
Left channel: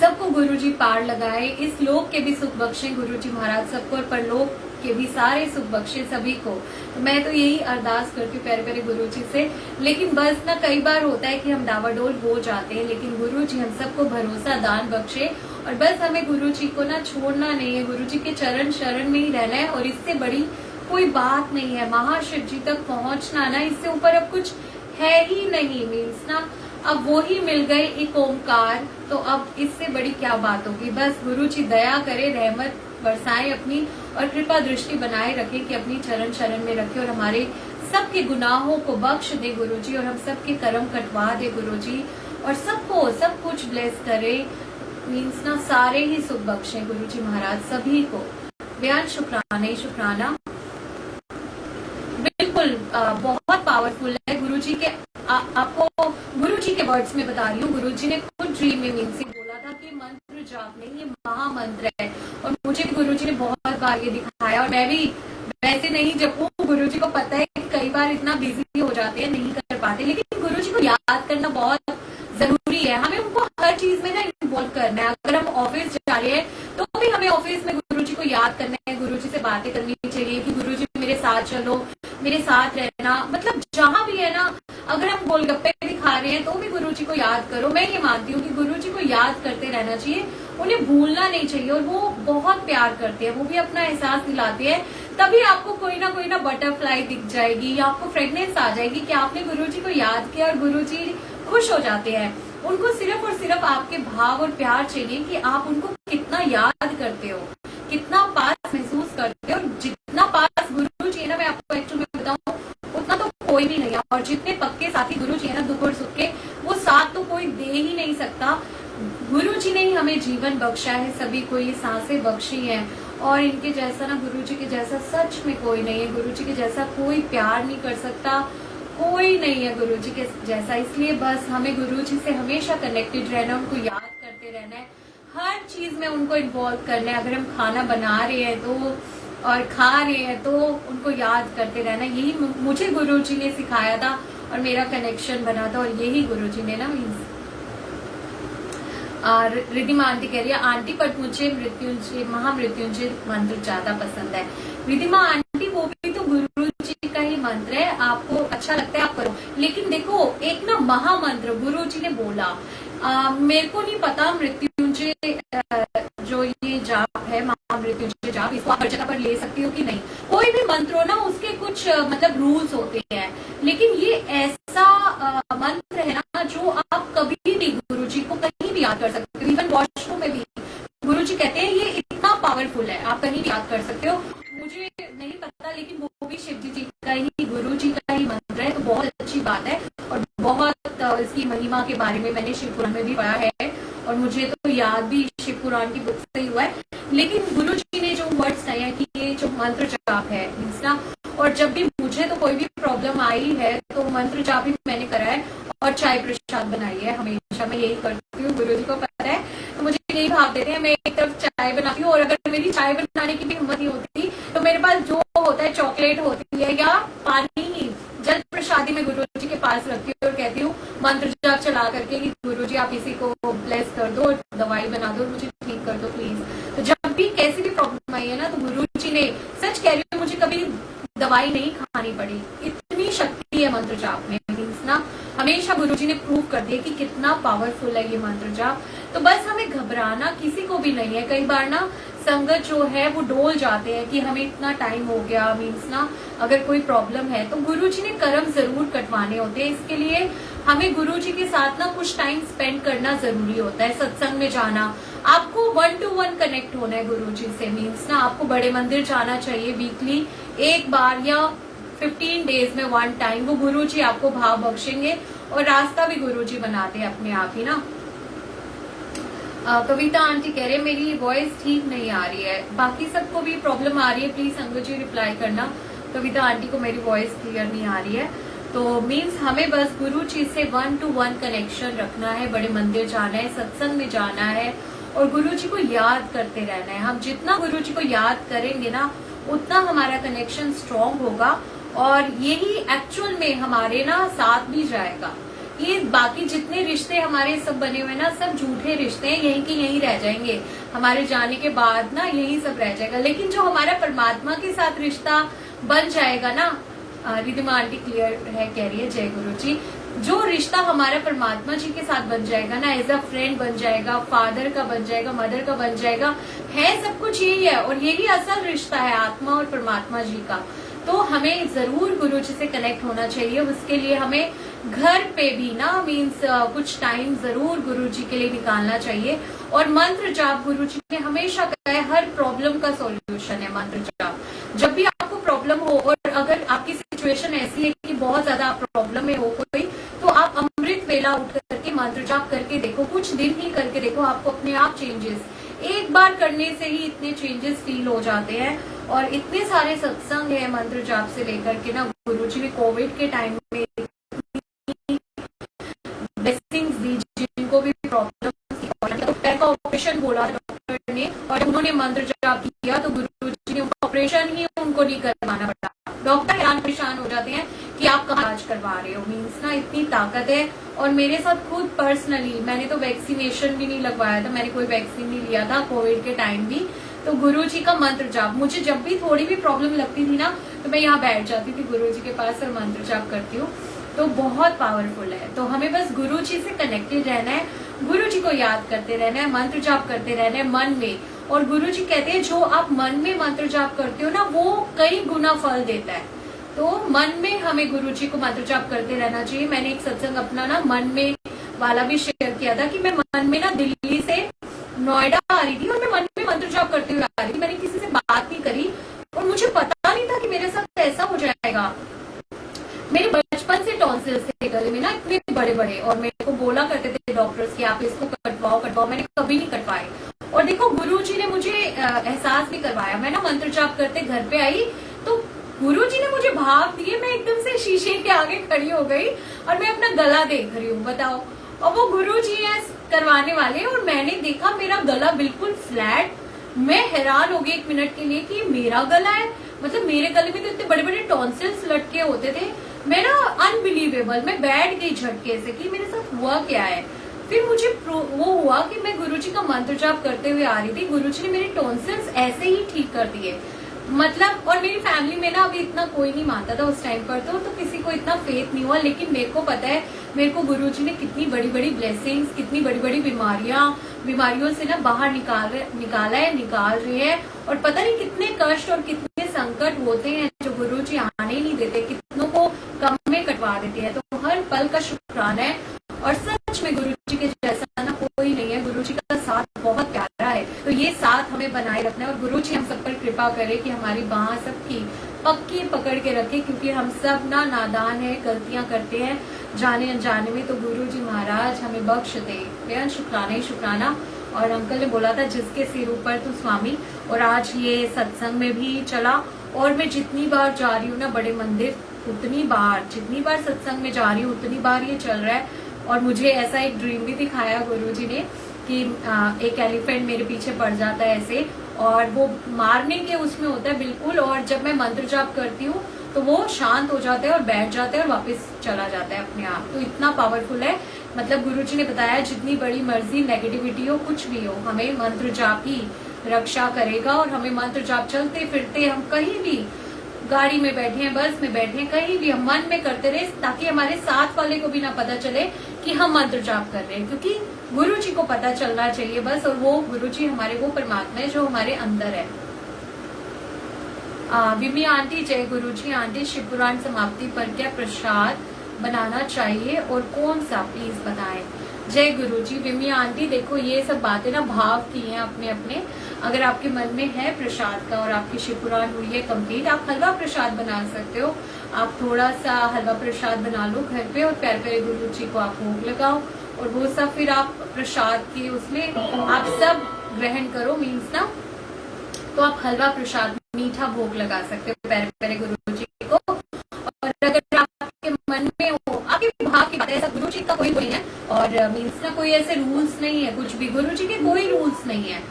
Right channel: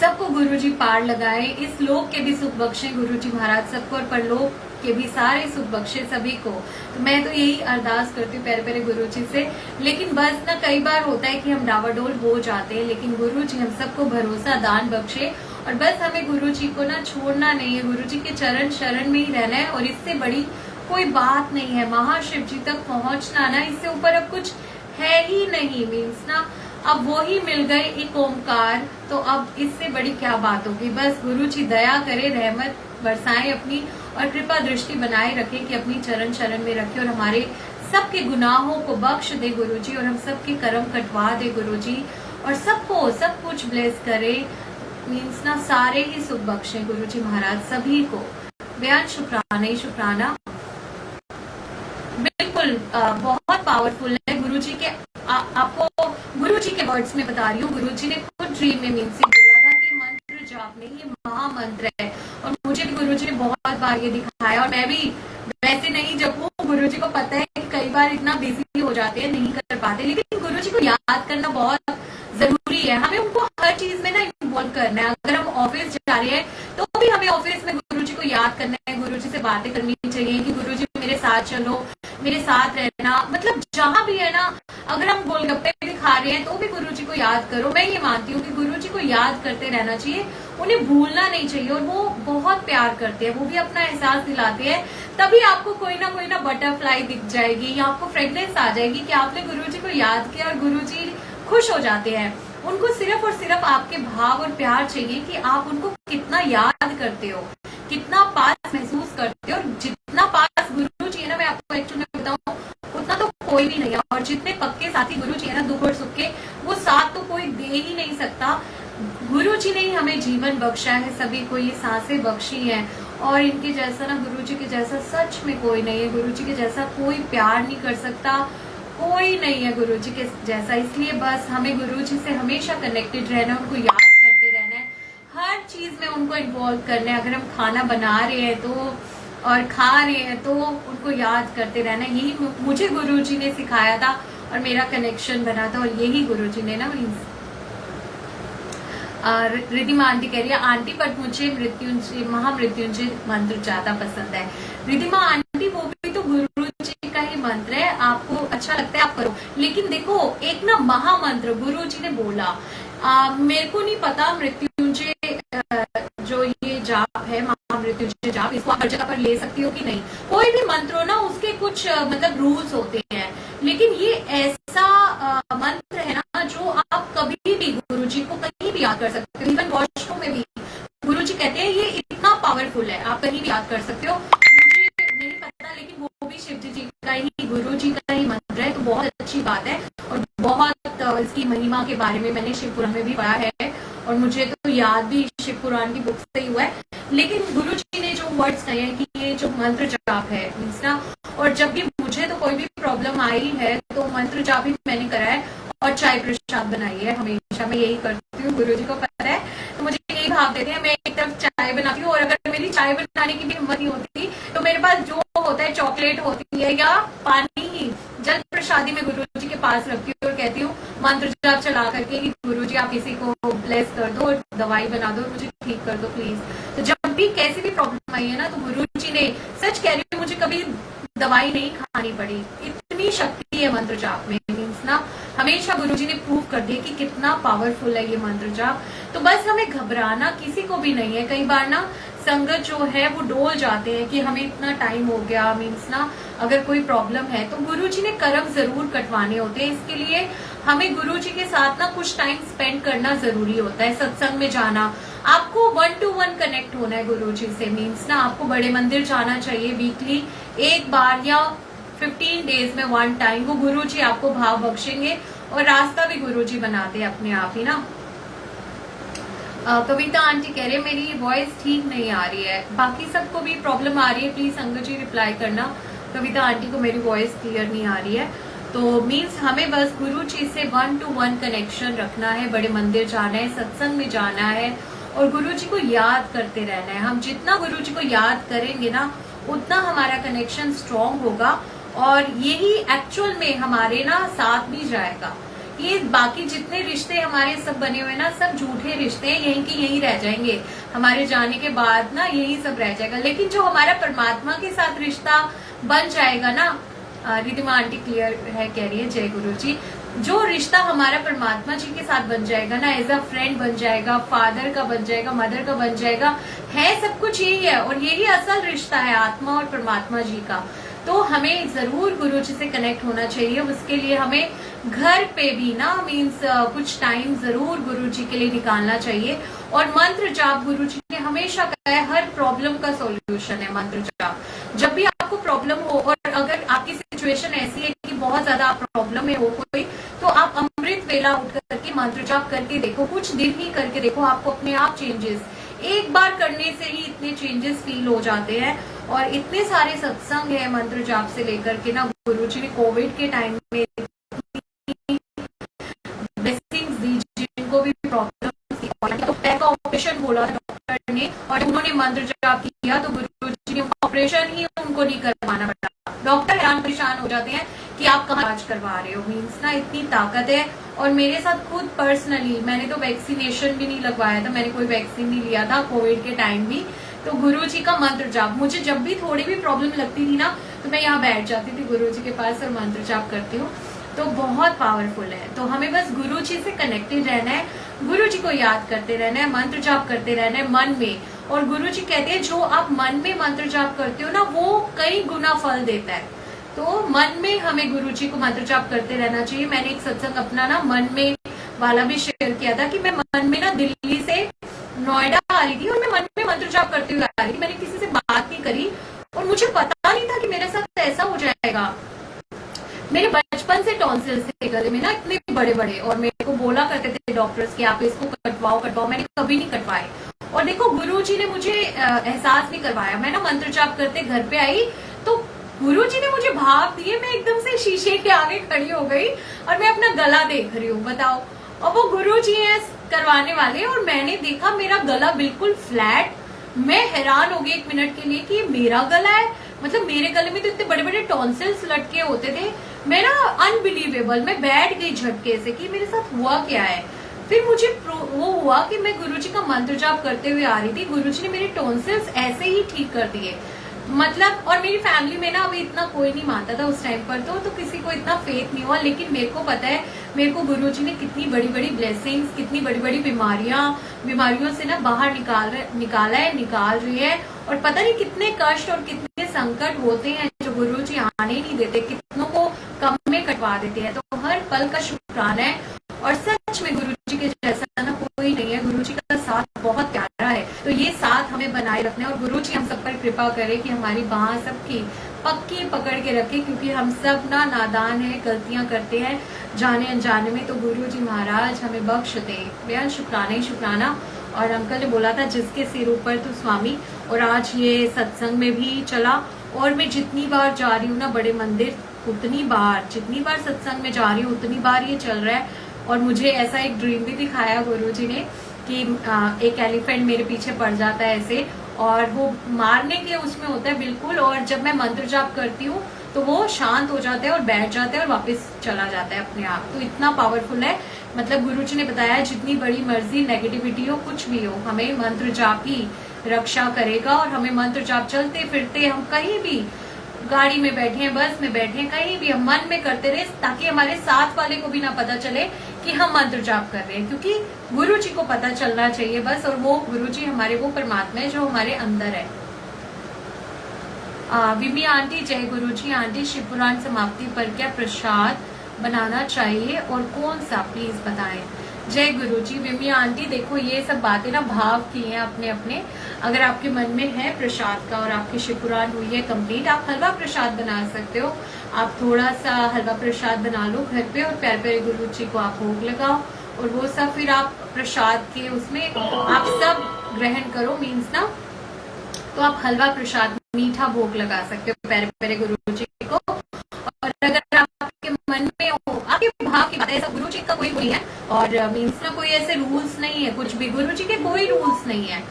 सबको गुरुजी पार लगाए, इस लोक के भी सुख बख्शे गुरुजी महाराज सबको, और परलोक के भी सारे सुख बख्शे सभी को। तो मैं तो यही अरदास करती हूँ प्यारे प्यारे गुरुजी से। लेकिन बस ना कई बार होता है कि हम डावाडोल हो जाते हैं, लेकिन गुरुजी हम सबको भरोसा दान बख्शे, और बस हमें गुरुजी को ना छोड़ना नहीं है, गुरुजी के चरण शरण में ही रहना है, और इससे बड़ी कोई बात नहीं है। महाशिव जी तक पहुंचना ना, इससे ऊपर अब कुछ है ही नहीं। मीन्स ना अब वो ही मिल गए एक ओमकार, तो अब इससे बड़ी क्या बात होगी। बस गुरुजी दया करे, रहमत बरसाएं अपनी, और कृपा दृष्टि बनाए रखे कि अपनी चरण शरण में रखे, और हमारे सबके गुनाहों को बख्श दे गुरुजी, और हम सबके कर्म कटवा दे गुरुजी, और सबको सब कुछ ब्लेस करे। मीन्स ना सारे ही सुख बख्शे गुरुजी महाराज सभी को। बेहद शुक्राना ही शुक्राना। बिल्कुल बहुत पावरफुल है गुरुजी के। आपको गुरुजी के वर्ड्स में बता रही हूँ, गुरुजी ने खुद ड्रीम में मीन्स से बोला था कि मंत्र जाप नहीं, ये महामंत्र है। और मुझे भी गुरुजी ने बहुत बार ये दिखाया, और मैं भी वैसे नहीं जपूं, गुरुजी को पता है कि कई बार इतना बिजी हो जाते हैं, नहीं कर पाते, लेकिन गुरुजी को याद करना बहुत जरूरी है। हमें उनको हर चीज में ना इन्वॉल्व करना है। अगर हम ऑफिस जा रहे हैं तो भी हमें ऑफिस में गुरुजी को याद करना है, गुरुजी से बातें करनी चाहिए कि गुरुजी मेरे साथ चलो, मेरे साथ रहना। मतलब जहां भी है ना, अगर हम गोलगप्पे भी खा रहे हैं तो भी गुरुजी को याद करो। मैं ये मानती हूँ कि गुरुजी को याद करते रहना चाहिए, उन्हें भूलना नहीं चाहिए। और वो बहुत प्यार करते हैं, वो भी अपना एहसास दिलाते हैं। तभी आपको कोई ना बटरफ्लाई दिख जाएगी, या आपको फ्रेगनेंस आ जाएगी कि आपने गुरुजी को याद किया, और गुरुजी खुश हो जाते हैं। उनको सिर्फ और सिर्फ आपके भाव और प्यार चाहिए कि आप उनको कितना याद करते हो, कितना पास महसूस करते हो। और जितना पास गुरुजी है ना, मैं आपको एक्चुअली बताऊं, उतना तो कोई भी नहीं है। और जितने पक्के साथी गुरुजी है ना, दुख और सुख के, वो साथ तो कोई दे ही नहीं सकता। गुरुजी ने ही हमें जीवन बख्शा है, सभी को ये सांसें बख्शी है, और इनके जैसा ना, गुरुजी के जैसा सच में कोई नहीं है। गुरुजी के जैसा कोई प्यार नहीं कर सकता, कोई नहीं है गुरुजी के जैसा। इसलिए बस हमें गुरुजी से हमेशा कनेक्टेड रहना, उनको याद करते रहना है, हर चीज में उनको इन्वॉल्व करना है। अगर हम खाना बना रहे हैं तो, और खा रहे हैं तो, उनको याद करते रहना। यही मुझे गुरुजी ने सिखाया था, और मेरा कनेक्शन बना था, और यही गुरुजी ने ना। रिधिमा आंटी कह रही है, आंटी पर मुझे मृत्युंजय, महामृत्युंजय मंत्र ज्यादा पसंद है। रिधिमा आंटी, वो भी तो गुरुजी का ही मंत्र है, आपको अच्छा लगता है आप करो। लेकिन देखो, एक ना महामंत्र गुरुजी ने बोला, मेरे को नहीं पता मृत्युंजय जो ये जाप है, महामृत्युंजय जाप, इसको आप हर जगह पर ले सकती हो कि नहीं। कोई भी मंत्र हो ना, उसके कुछ मतलब रूल्स होते हैं, लेकिन ये ऐसा मंत्र है ना जो आप कभी भी गुरुजी को कहीं भी याद कर सकते हो। इवन वॉशरूम में भी गुरुजी कहते हैं ये इतना पावरफुल है, आप कहीं भी याद कर सकते हो। मुझे नहीं पता, लेकिन वो भी शिव जी का ही, गुरुजी का ही मंत्र है, तो बहुत अच्छी बात है। और बहुत इसकी महिमा के बारे में मैंने शिव पुराण में भी पढ़ा है, और मुझे तो याद भी शिव पुराण की बुक से ही हुआ है। लेकिन गुरुजी ने जो वर्ड्स कहे हैं कि ये जो मंत्र जाप है मीन्स ना, और जब भी मुझे तो कोई भी प्रॉब्लम आई है तो मंत्र जाप ही मैंने करा है, और चाय प्रसाद बनाई है, हमेशा मैं यही करती हूँ। गुरुजी को पता है, तो मुझे यही भाव देते हैं। मैं एक तरफ चाय बनाती हूँ, और अगर मेरी चाय बनाने की भी हिम्मत नहीं होती तो मेरे पास जो होता है, चॉकलेट होती है या पानी ही, जल प्रसादी में गुरुजी के पास रखती हूँ, और कहती हूँ मंत्र जाप चला करके कि गुरुजी आप इसी को ब्लेस कर दो, दवाई बना दो, मुझे ठीक कर दो प्लीज। तो जब भी कैसी भी प्रॉब्लम आई है ना, तो गुरु जी ने, सच कह रही हूँ, मुझे कभी दवाई नहीं खानी पड़ी, इतनी शक्ति है मंत्र जाप में। मीन्स ना हमेशा गुरु जी ने प्रूव कर दिया कि कितना पावरफुल है ये मंत्र जाप। तो बस हमें घबराना किसी को भी नहीं है। कई बार ना संगत जो है वो डोल जाते हैं कि हमें इतना टाइम हो गया, मीन्स ना अगर कोई प्रॉब्लम है तो गुरु जी ने कर्म जरूर कटवाने होते हैं। इसके लिए हमें गुरु जी के साथ ना कुछ टाइम स्पेंड करना जरूरी होता है, सत्संग में जाना, आपको 1 to 1 कनेक्ट होना है गुरु जी से। मीन्स ना आपको बड़े मंदिर जाना चाहिए वीकली एक बार या 15 डेज में 1 टाइम। वो गुरु जी आपको भाव बख्शेंगे और रास्ता भी गुरु जी बनाते हैं अपने आप ही ना। कविता आंटी कह रहे हैं मेरी वॉइस ठीक नहीं आ रही है, बाकी सबको भी प्रॉब्लम आ रही है, प्लीज संगत जी रिप्लाई करना। कविता आंटी को मेरी वॉइस क्लियर नहीं आ रही है। तो मीन्स हमें बस गुरु जी से 1 to 1 कनेक्शन रखना है, बड़े मंदिर जाना है, सत्संग में जाना है और गुरु जी को याद करते रहना है। हम जितना गुरु जी को याद करेंगे ना उतना हमारा कनेक्शन स्ट्रांग होगा और यही एक्चुअल में हमारे ना साथ भी जाएगा। ये बाकी जितने रिश्ते हमारे सब बने हुए ना, सब झूठे रिश्ते हैं, यहीं की यहीं रह जाएंगे, हमारे जाने के बाद ना यही सब रह जाएगा। लेकिन जो हमारा परमात्मा के साथ रिश्ता बन जाएगा ना, रिधिमा आंटी क्लियर है कह रही है, जय गुरु जी, जो रिश्ता हमारा परमात्मा जी के साथ बन जाएगा ना, एज अ फ्रेंड बन जाएगा, फादर का बन जाएगा, मदर का बन जाएगा, है सब कुछ यही है और यही असल रिश्ता है आत्मा और परमात्मा जी का। तो हमें जरूर गुरु जी से कनेक्ट होना चाहिए। उसके लिए हमें घर पे भी ना मीन्स कुछ टाइम जरूर गुरु जी के लिए निकालना चाहिए। और मंत्र जाप गुरु जी ने हमेशा कहा है हर प्रॉब्लम का सॉल्यूशन है मंत्र जाप। जब भी आपको प्रॉब्लम हो और अगर आपकी सिचुएशन ऐसी है कि बहुत ज्यादा प्रॉब्लम में हो कोई, तो आप अमृत वेला उठ करके मंत्र जाप करके देखो, कुछ दिन ही करके देखो, आपको अपने आप चेंजेस, एक बार करने से ही इतने चेंजेस फील हो जाते हैं। और इतने सारे सत्संग है मंत्र जाप से लेकर के ना, गुरु जी ने कोविड के टाइम में ब्लेसिंग्स दी, जिनको भी प्रॉब्लम पैर का ऑपरेशन बोला डॉक्टर ने और उन्होंने मंत्र जाप किया तो गुरु जी ने ऑपरेशन ही उनको नहीं करवाना पड़ा। डॉक्टर हैरान परेशान हो जाते हैं कि आप कहाँ इलाज करवा रहे हो। मीन्स ना इतनी ताकत है। और मेरे साथ खुद पर्सनली, मैंने तो वैक्सीनेशन भी नहीं लगवाया था, मैंने कोई वैक्सीन नहीं लिया था कोविड के टाइम भी, तो गुरु जी का मंत्र जाप, मुझे जब भी थोड़ी भी प्रॉब्लम लगती थी ना तो मैं यहाँ बैठ जाती थी गुरु जी के पास और मंत्र जाप करती हूँ। तो बहुत पावरफुल है। तो हमें बस गुरु जी से कनेक्टेड रहना है, गुरु जी को याद करते रहना है, मंत्र जाप करते रहना है मन में। और गुरु जी कहते हैं जो आप मन में मंत्र जाप करते हो ना वो कई गुना फल देता है। तो मन में हमें गुरु जी को मंत्र जाप करते रहना चाहिए। मैंने एक सत्संग अपना ना मन में वाला भी शेयर किया था कि मैं मन में ना दिल्ली से नोएडा आ रही थी और मैं मन में मंत्र जाप करते हुए आ रही थी। मैंने किसी से बात नहीं करी और मुझे पता नहीं था कि मेरे साथ ऐसा हो जाएगा। मेरे बचपन से टॉन्सिल्स थे गले में ना इतने बड़े बड़े, और मेरे को बोला करते थे डॉक्टर्स कि आप इसको कटवाओ, मैंने कभी नहीं कटवाए। और देखो गुरु जी ने मुझे एहसास नहीं करवाया। मैं ना मंत्र जाप करते घर पे आई तो गुरु जी ने मुझे भाव दिए, मैं एकदम से शीशे के आगे खड़ी हो गई और मैं अपना गला देख रही हूँ, बताओ। और वो गुरु जी है करवाने वाले और मैंने देखा मेरा गला बिल्कुल फ्लैट। मैं हैरान हो गई 1 मिनट के लिए कि ये मेरा गला है, मतलब मेरे गले में तो इतने बड़े बड़े टॉन्सिल्स लटके होते थे। मैं ना अनबिलीवेबल, मैं बैठ गई झटके से कि मेरे साथ हुआ क्या है। फिर मुझे वो हुआ कि मैं गुरुजी का मंत्र जाप करते हुए आ रही थी, गुरुजी ने मेरे टॉन्सिल्स ऐसे ही ठीक कर दिए। मतलब और मेरी फैमिली में ना अभी इतना कोई नहीं मानता था उस टाइम पर, तो किसी को इतना फेथ नहीं हुआ। लेकिन मेरे को पता है मेरे को गुरुजी ने कितनी बड़ी बड़ी ब्लेसिंग्स, कितनी बड़ी बड़ी बीमारियों से ना बाहर निकाल रही है। और पता नहीं कितने कष्ट और कितने संकट होते हैं जो गुरुजी आने ही नहीं देते, कितनों को कम में कटवा देते हैं। तो हर पल का शुक्राना है। और सच में गुरुजी के जैसा ना कोई नहीं है, गुरुजी का साथ बहुत प्यारा है। तो ये साथ हमें बनाए रखना है और गुरुजी हम सब पर कृपा करे कि हमारी बाह सबकी पक्की पकड़ के रखे, क्योंकि हम सब ना नादान है, गलतियां करते हैं जाने अनजाने में। तो गुरुजी महाराज हमें बख्श दे, बेहद शुक्राना ही शुक्राना। और अंकल ने बोला था जिसके सिर ऊपर तो स्वामी, और आज ये सत्संग में भी चला। और मैं जितनी बार जा रही हूँ ना बड़े मंदिर, जितनी बार सत्संग में जा रही हूँ उतनी बार ये चल रहा है। और मुझे ऐसा एक ड्रीम भी दिखाया गुरुजी ने कि एक एलिफेंट मेरे पीछे पड़ जाता है ऐसे, और वो मारने के उसमें होता है बिल्कुल। और जब मैं मंत्र जाप करती हूँ तो वो शांत हो जाता है और बैठ जाता है और वापस चला जाता है अपने आप। तो इतना पावरफुल है। मतलब गुरुजी ने बताया जितनी बड़ी मर्जी नेगेटिविटी हो, कुछ भी हो, हमें मंत्र जाप ही रक्षा करेगा और हमें मंत्र जाप चलते फिरते हम कहीं भी गाड़ी में बैठे हैं, बस में बैठे हैं, कहीं भी हम मन में करते रहे, ताकि हमारे साथ वाले को भी ना पता चले कि हम मंत्र जाप कर रहे हैं, क्योंकि गुरु जी को पता चलना चाहिए बस। और वो गुरु जी हमारे वो परमात्मा है जो हमारे अंदर है। विमी आंटी, जय गुरु जी। आंटी, शिव पुराण समाप्ति पर क्या प्रसाद बनाना चाहिए और कौन सा, प्लीज बताएं। जय गुरु जी। विमी आंटी, देखो ये सब बातें ना भाव की हैं अपने अपने। अगर आपके मन में है प्रसाद का और आपकी शिव पुराण हुई है कंप्लीट, आप हलवा प्रसाद बना सकते हो। आप थोड़ा सा हलवा प्रसाद बना लो घर पे और प्यारे प्यारे गुरु जी को आप भोग लगाओ और वो सब फिर आप प्रसाद के उसमें आप सब ग्रहण करो, मीन्स ना, तो आप हलवा प्रसाद मीठा भोग लगा सकते हो प्यारे प्यारे गुरु जी को। और अगर आपके मन में हो, आपके भाव की बात है, ऐसा गुरु जी का कोई नहीं है और मीन्स ना कोई ऐसे रूल्स नहीं है, कुछ भी गुरु जी के कोई रूल्स नहीं है।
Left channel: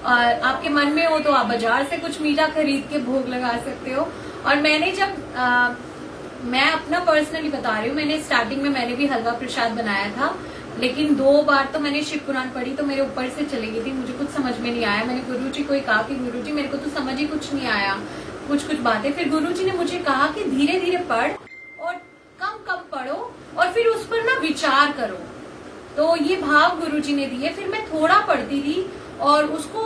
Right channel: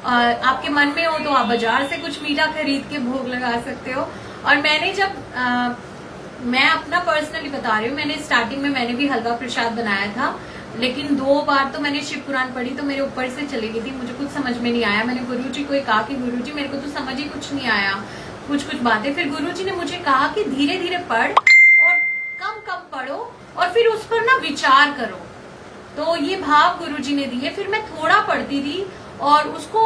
आपके मन में हो तो आप बाजार से कुछ मीठा खरीद के भोग लगा सकते हो। और मैंने जब मैं अपना पर्सनली बता रही हूँ, मैंने स्टार्टिंग में मैंने भी हलवा प्रसाद बनाया था, लेकिन 2 बार तो मैंने शिव पुराण पढ़ी तो मेरे ऊपर से चली गई थी, मुझे कुछ समझ में नहीं आया। मैंने गुरु जी को कहा कि गुरु जी मेरे को तो समझ ही कुछ नहीं आया, कुछ बातें। फिर गुरु जी ने मुझे कहा कि धीरे धीरे पढ़ और कम कम पढ़ो और फिर उस पर ना विचार करो। तो ये भाव गुरु जी ने दिए। फिर मैं थोड़ा पढ़ती थी और उसको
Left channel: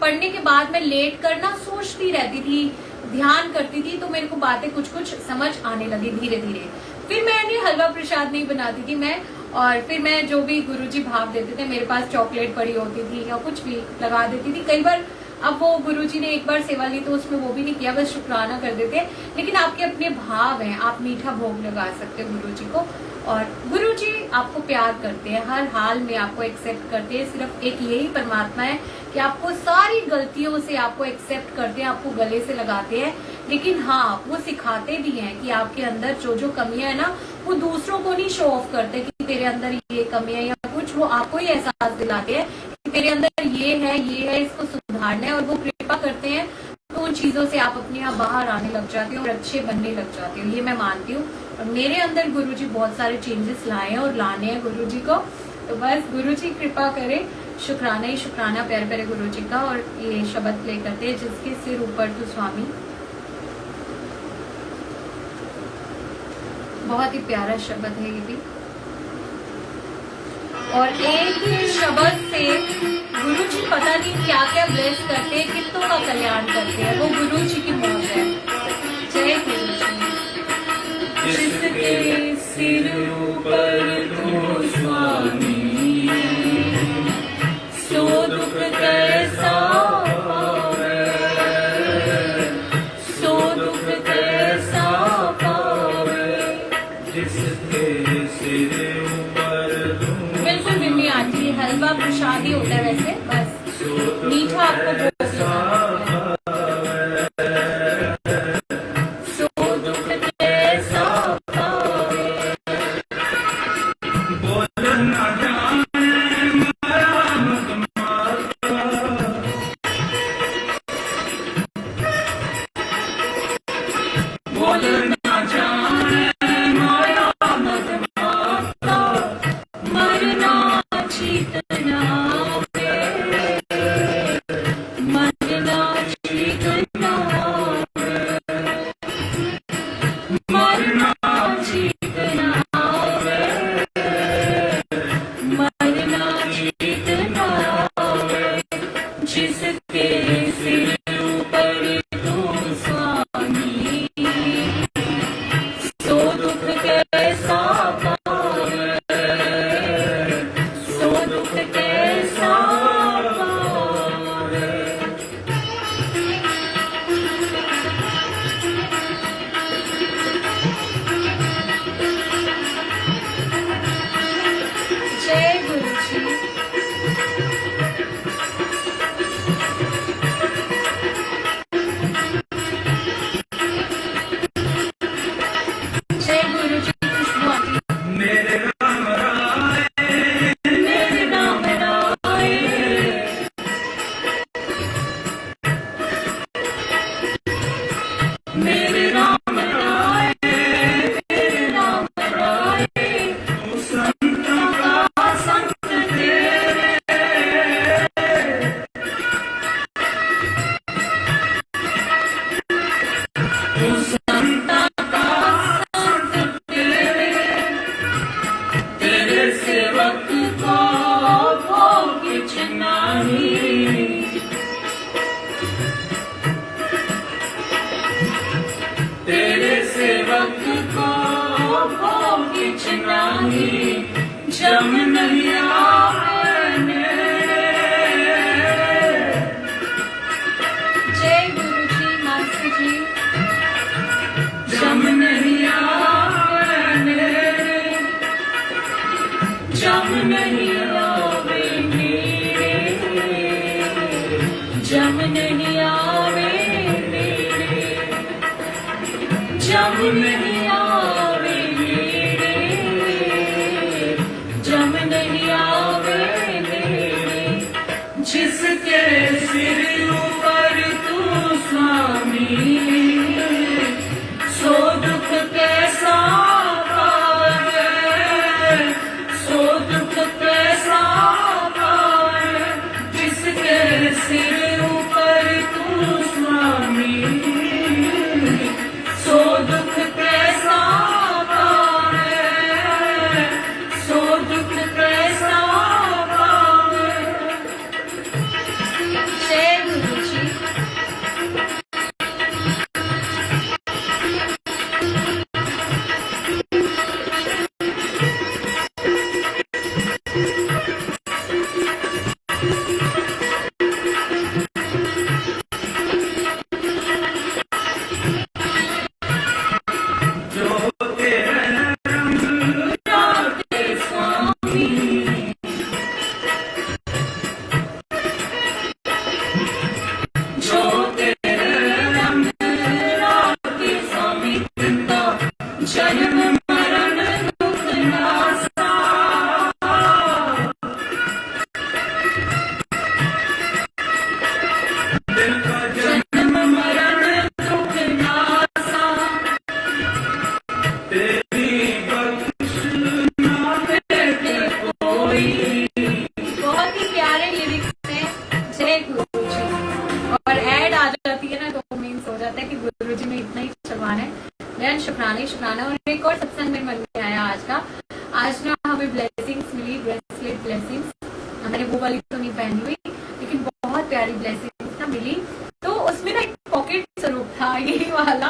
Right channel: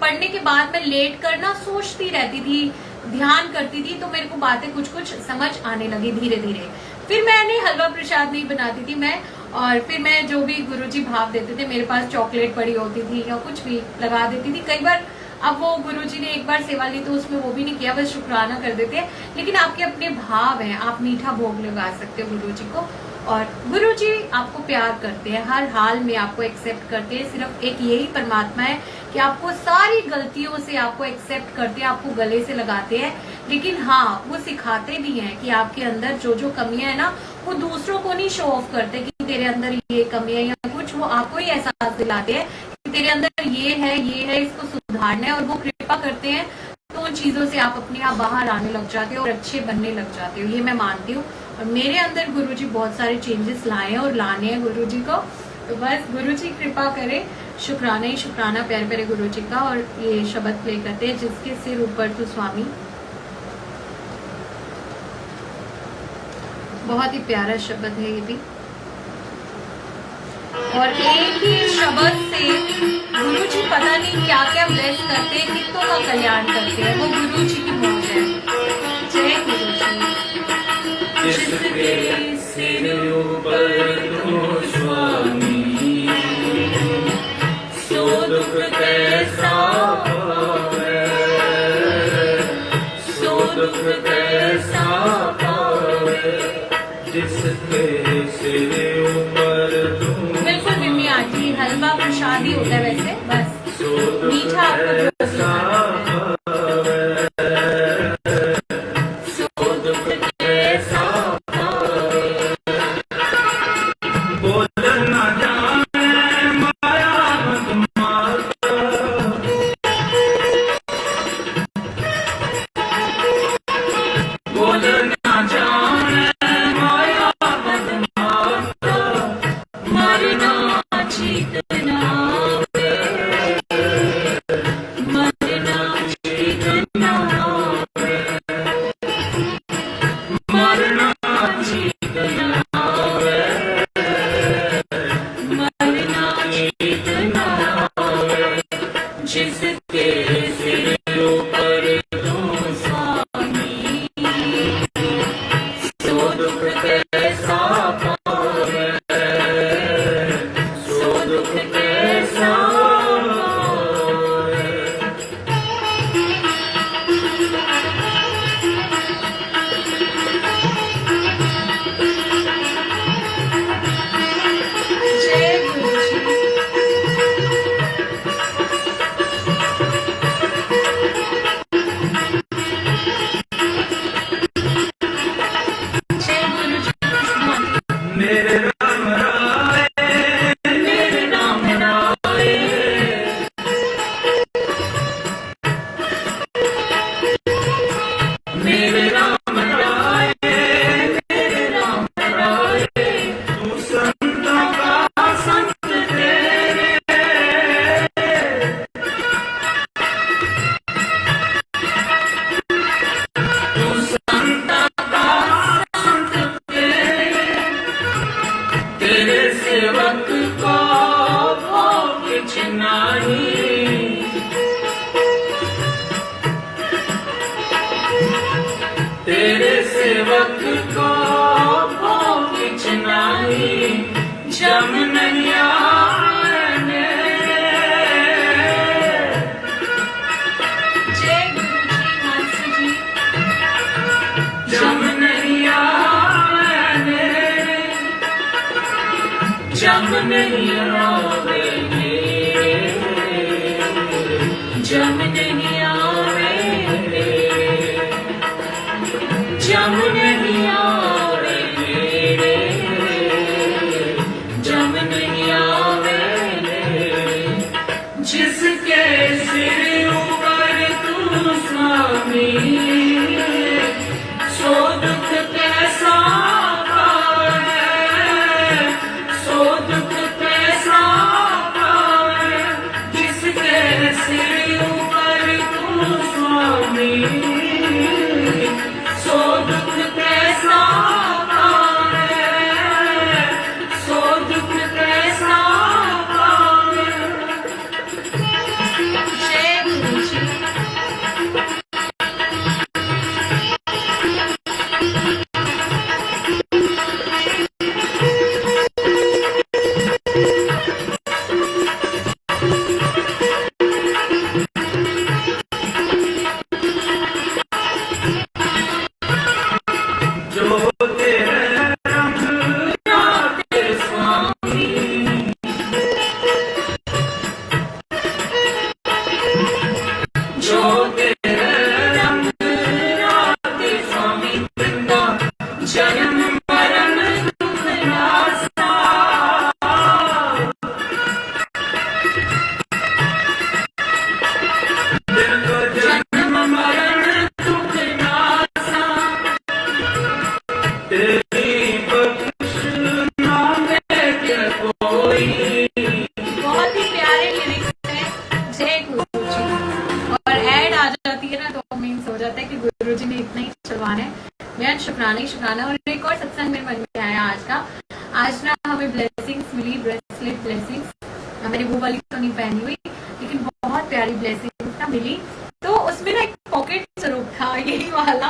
पढ़ने के बाद मैं लेट कर ना सोचती रहती थी, ध्यान करती थी, तो मेरे को बातें कुछ समझ आने लगी धीरे धीरे। फिर मैंने हलवा प्रसाद नहीं बनाती थी मैं, और फिर मैं जो भी गुरुजी भाव देते थे, मेरे पास चॉकलेट पड़ी होती थी या कुछ भी लगा देती थी कई बार। अब वो गुरुजी ने एक बार सेवा ली तो उसमें वो भी नहीं किया, बस शुक्राना कर देते हैं। लेकिन आपके अपने भाव हैं, आप मीठा भोग लगा सकते हो गुरुजी को। और गुरुजी आपको प्यार करते हैं, हर हाल में आपको एक्सेप्ट करते हैं। सिर्फ एक यही परमात्मा है कि आपको सारी गलतियों से आपको एक्सेप्ट करते हैं, आपको गले से लगाते हैं। लेकिन हाँ, वो सिखाते भी हैं कि आपके अंदर जो जो कमियां है ना, वो दूसरों को नहीं शो ऑफ करते कि तेरे अंदर ये कमी है या कुछ, वो आपको ही एहसास दिलाते हैं कि तेरे अंदर ये है, इसको सुधारना है। और वो कृपा करते हैं तो उन चीजों से आप अपने आप बाहर आने लग जाते हो और अच्छे बनने लग जाते हो, ये मैं मानती हूँ। और मेरे अंदर गुरुजी बहुत सारे चेंजेस लाए हैं और लाने हैं गुरुजी को। तो बस गुरुजी कृपा करे, शुक्राना ही शुक्राना प्यारे प्यारे गुरुजी का। और ये शब्द प्ले करते हैं, जिसके सिर ऊपर तू स्वामी। बहुत ही प्यारा शब्द है ये भी। और एक ही शब्द से गुरुजी पता नहीं क्या क्या ब्लेस करते हैं, कितनों का कल्याण करते हैं, वो गुरुजी की मौज है। जय गुरुजी। जिसके सिर ऊपर तू स्वामी, सो दुख कैसा पावे, सो दुख कैसा पावे, जिसके सिर ऊपर तू। बिल्कुल बिम्मी आंटी, हलवा प्रसाद ही होता है वैसे, बस मीठा आपको जो तेरे सेवक को भोग चिनाई जम नहीं आने। जय गुरु जी मानसी जी। जम नहीं आने, जम नहीं आवेंगे, जम नहीं आवेंगे, जम नहीं आवेंगे, जम नहीं आवेंगे। जिसके सिर ऊपर तू स्वामी, सो दुख कैसा पावे, सो दुख कैसा पावे। जिसके सिर ऊपर तू स्वामी, सो दुख कैसा पावे, सो दुख कैसा पावे। जय गुरु जी। जो तेरे रंग राते स्वामी, जो तेरे रंग राते स्वामी, वृंदा जन्म मरण दुख नासा। वृंदा जन्म मरण दुख नासा, तेरी बख्श ना भेटे कोई। बहुत ही प्यारे लिरिक्स हैं। जय गुरु जी। और ऐड आ जाती है ना तो मीन्स हो जाता है कि गुरु जी ने इतना ही चलवाना है। बेहद शुक्राना ही शुक्राना। और एक और सत्संग मेरे मन में आया आज का। आज ना हमें ब्लेसिंग्स मिली, ब्रेसलेट ब्लेसिंग्स। मैंने वो वाली तो नहीं पहनी हुई, लेकिन बहुत प्यारी ब्लेसिंग्स ना मिली। तो उसमें ना एक पॉकेट स्वरूप था, यही वाला।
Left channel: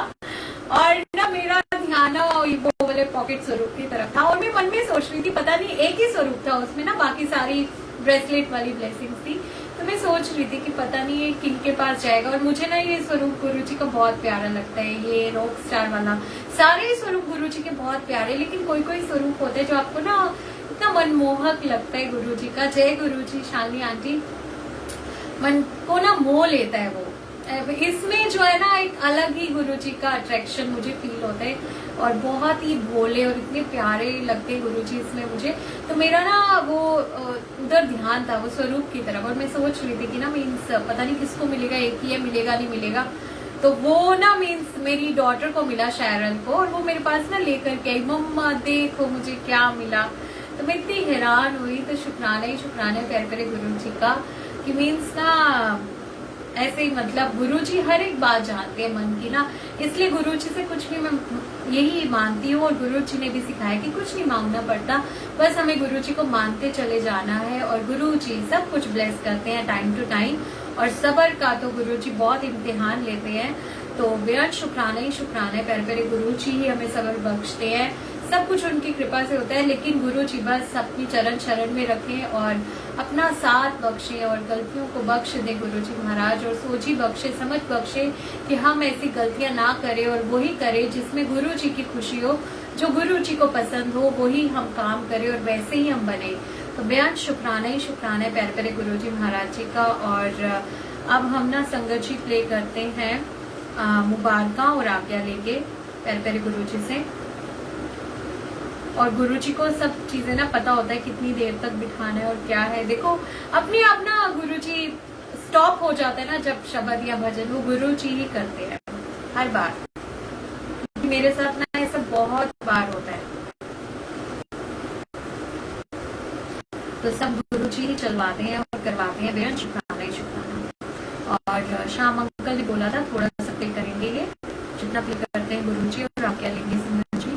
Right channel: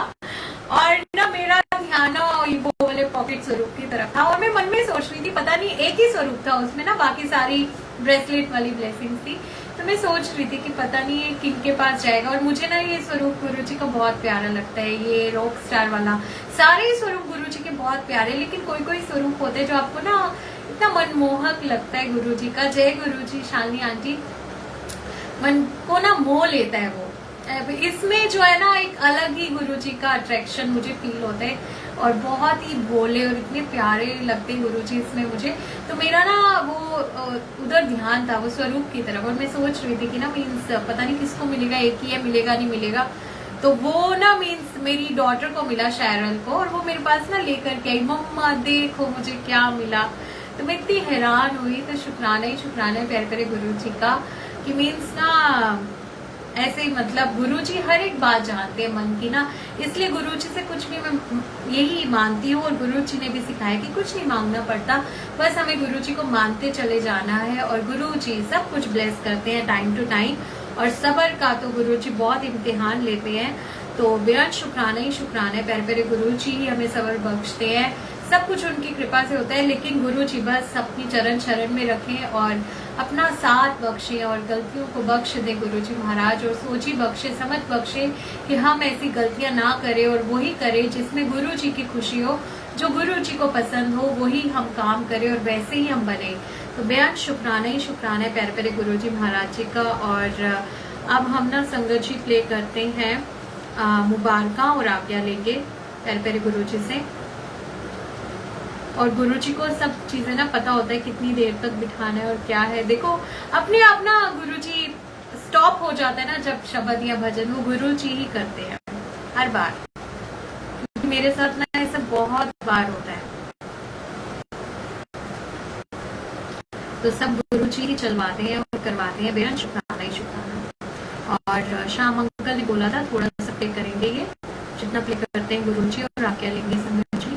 और ना मेरा ध्यान ना वो वाले पॉकेट स्वरूप की तरफ था। और मैं मन में सोच रही थी, पता नहीं एक ही स्वरूप था उसमें ना, बाकी सारी ब्रेसलेट वाली ब्लेसिंग्स थी। तो मैं सोच रही थी कि पता नहीं ये किनके पास जाएगा। और मुझे ना ये स्वरूप गुरु जी का बहुत प्यारा लगता है, ये रॉक स्टार वाला। सारे स्वरूप गुरु जी के बहुत प्यारे, लेकिन कोई कोई स्वरूप होते हैं जो आपको ना इतना मनमोहक लगता है गुरु जी का। जय गुरु जी। शालिनी आंटी, मन को ना मोह लेता है वो। इसमें जो है ना एक अलग ही गुरु जी का अट्रैक्शन मुझे फील होता है। और बहुत ही भोले और इतने प्यारे लगते हैं गुरु जी इसमें मुझे। तो मेरा ना वो उधर ध्यान था, वो स्वरूप की तरफ। और मैं सोच रही थी कि ना मीन्स पता नहीं किसको मिलेगा, एक ही है, मिलेगा नहीं मिलेगा। तो वो ना मीन्स मेरी डॉटर को मिला, शैरल को। और वो मेरे पास ना लेकर के आई, मम्मा देखो मुझे क्या मिला। तो मैं इतनी हैरान हुई। तो शुक्राना ही शुक्राना है प्यारे प्यारे गुरु जी का, कि मीन्स ना ऐसे ही मतलब गुरु जी हर एक बात जानते हैं मन की ना। इसलिए गुरु जी से कुछ भी मैं यही मानती हूँ। और गुरु जी ने भी सिखाया कि कुछ नहीं मांगना पड़ता, बस हमें गुरु जी को मानते चले जाना है। और गुरु जी सब कुछ ब्लेस करते हैं टाइम टू टाइम। और सबर का तो गुरु जी बहुत इम्तिहान लेते हैं। तो बेहद शुक्राना ही शुक्राना है प्यारे प्यारे गुरु जी ही हमें सबर बख्शते हैं। सब कुछ उनकी कृपा से होता है। लेकिन गुरु जी बस अपनी चरण शरण में रखें और अपना साथ बख्शे और गलतियों को बख्श दे गुरु जी महाराज। और सोची बख्शे, समझ बख्शे कि हम ऐसी गलतियां ना करें और वही करें जिसमें गुरु जी की खुशी हो, जो गुरु जी को पसंद हो वही हम काम करें और वैसे ही हम बने। तो बेहद शुक्राना ही शुक्राना है प्यारे प्यारे गुरु जी महाराज जी का। और अब हम ना संगत जी प्ले करते हैं मुबारका और आज्ञा लेंगे प्यारे प्यारे गुरु जी से। और गुरु जी को सब चीजें ना पता होता है कितनी देर तक बिठाना है और क्या है। देखो अपने आप ना गुरु जी स्टॉप हो जाता है ना जब शब्द या भजन, वो गुरु जी ही करते हैं हर बार। मेरे साथ ना ऐसा बहुत बार होता है। तो सब गुरु जी ही चलवाते हैं और करवाते हैं। बेहद शुक्राना ही शुक्राना। और शाम अंकल ने बोला था थोड़ा सा प्ले करेंगे, ये जितना प्ले करते हैं गुरु जी और आज्ञा लेंगे संगत जी।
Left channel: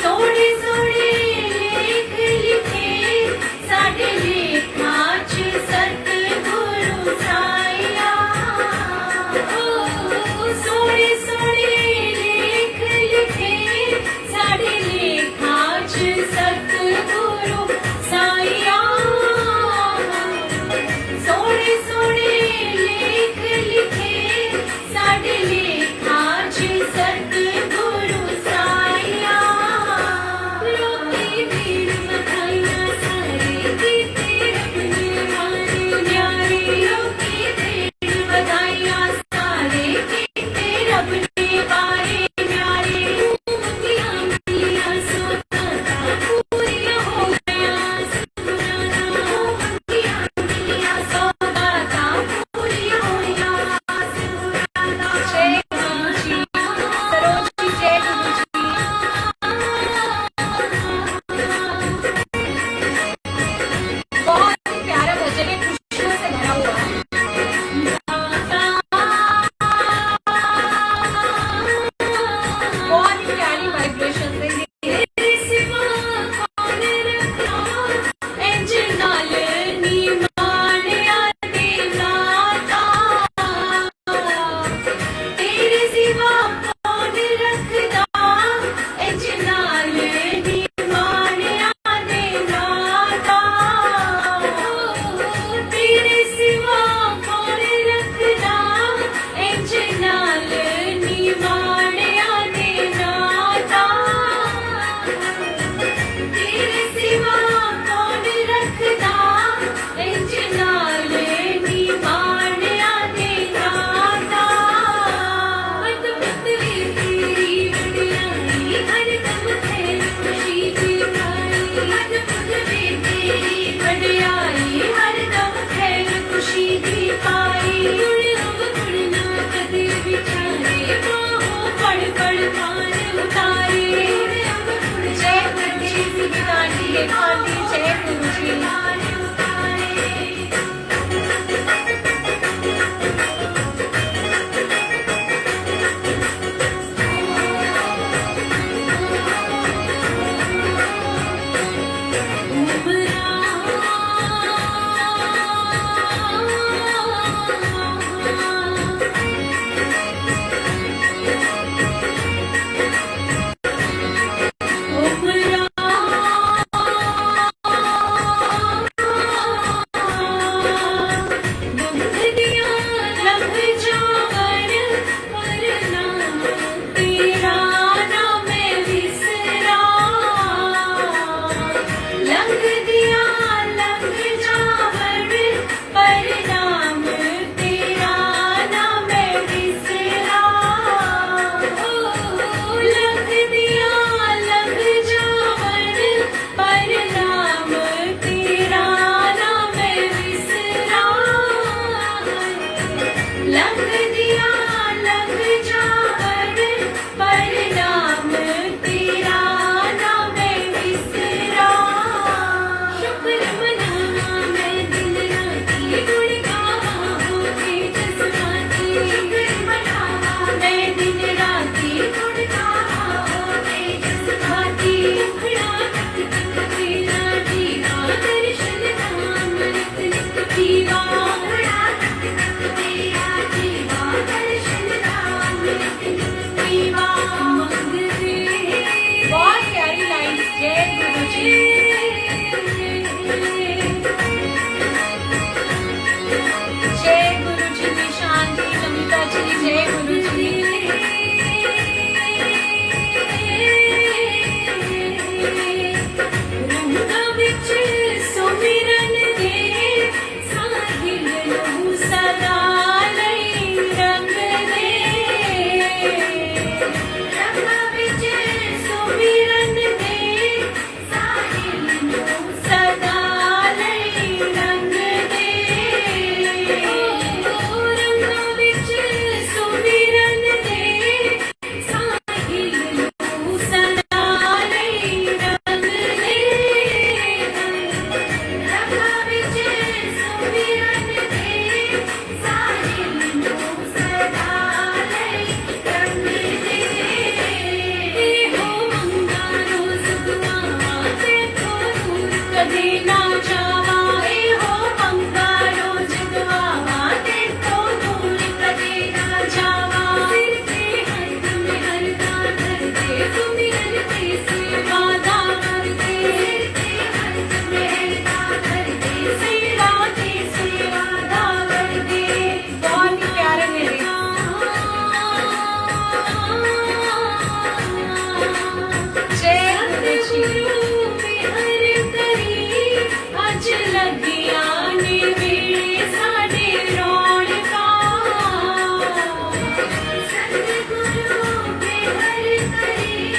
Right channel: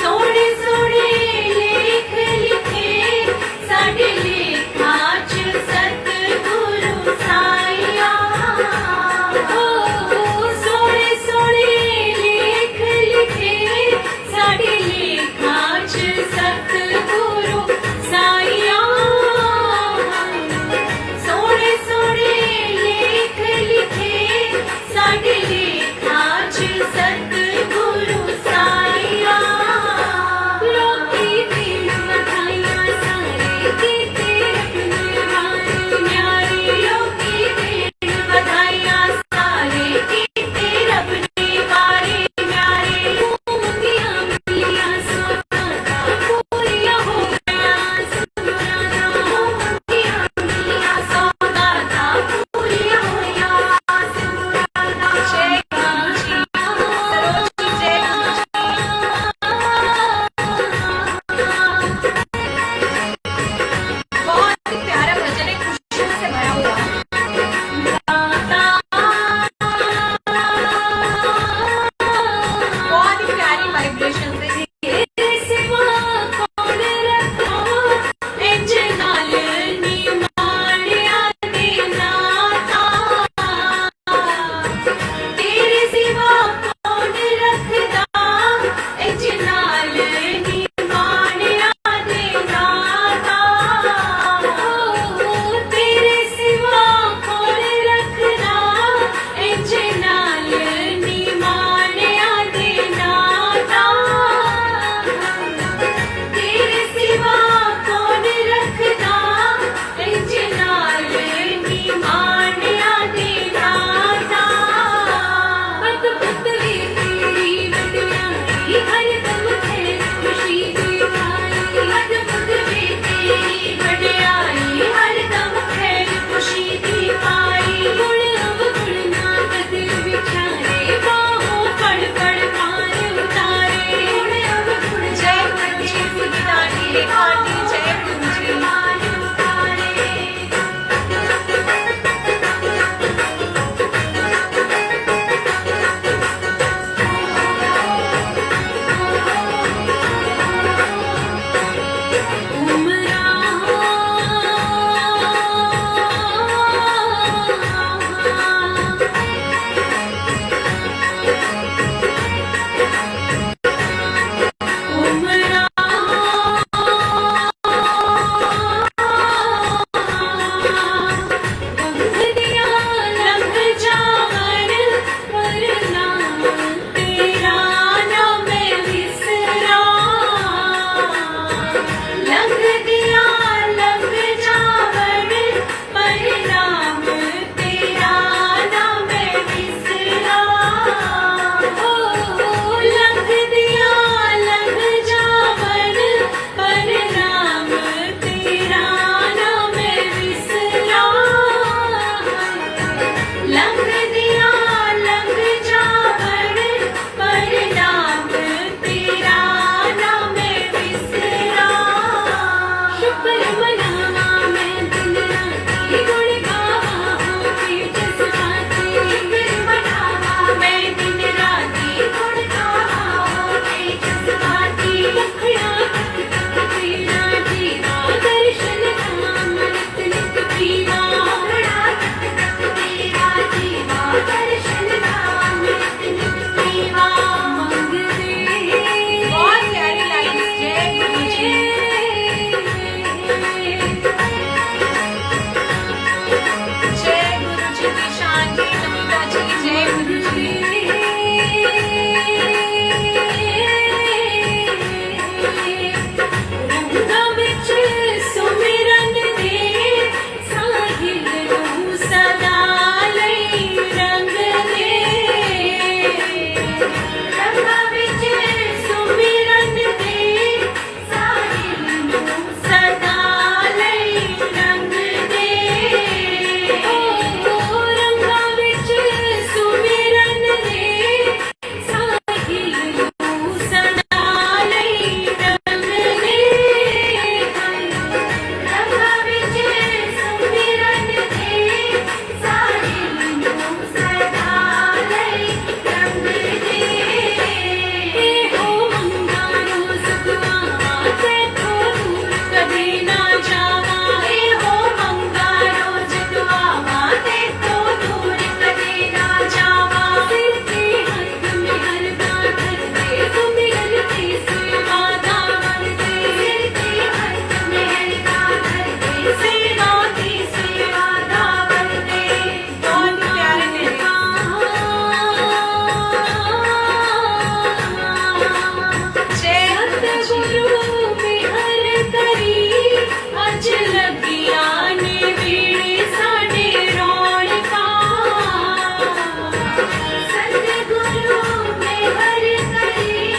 सोने सोने लेख लिखे साडे लेखां च सतगुरु साईया सोने सोने लेख लिखे साडे लेखां च सतगुरु साईया सोने सोने लेख लिखे साडे लेखां च सतगुरु साईया लोकी भीड़ मथाइयां सारे कीते रब न्यारे लोकी भीड़ मथाइयां सारे कीते रब ने वारे न्यारे मुक्तियां मिलियां सोनां पूरियां हो गया सुनाना मुक्तियां मिलियां सोनां पूरियां हो गया सुनाना जय गुरु जी सरोजी जय गुरु बहुत ही प्यारा भजन है खुशियों से भरा हुआ बहुत ही प्यारी वाइब्रेशन है तेरे सिवा कौन रखदा इंज नाल नी माणिया दे नाता तेरे सिवा कौन रखदा इंज नाल नी माणिया दे नाता तेरे सिवा कौन रखदा इंज नाल नी माणिया दे नाता मत पतली तेरी वडियाई हर दम ते खुशी दी आई मत पतली तेरी वडियाई हर दम ते खुशी दी पाई गुण गुणना कदे विचारे बाहों पड़ पड़ पार उतारे जय गुरु जी सुनितानी लेखानी जय गुरु जी कदे ना जावा ए हो मंगा रोज दुआवा ते तो दूर कदे ना जावा सिर के हाथ में हरदा धर के तुम मिलती सेवा दामन दे सिर के हाथ में हरदा धर के सेवा की सेवा दामन दे बहुत ही प्यारे मेरे जय गुरु में हर तरी अज लगिया ने वीणे साडे रौनका सतगुरु में हर तरी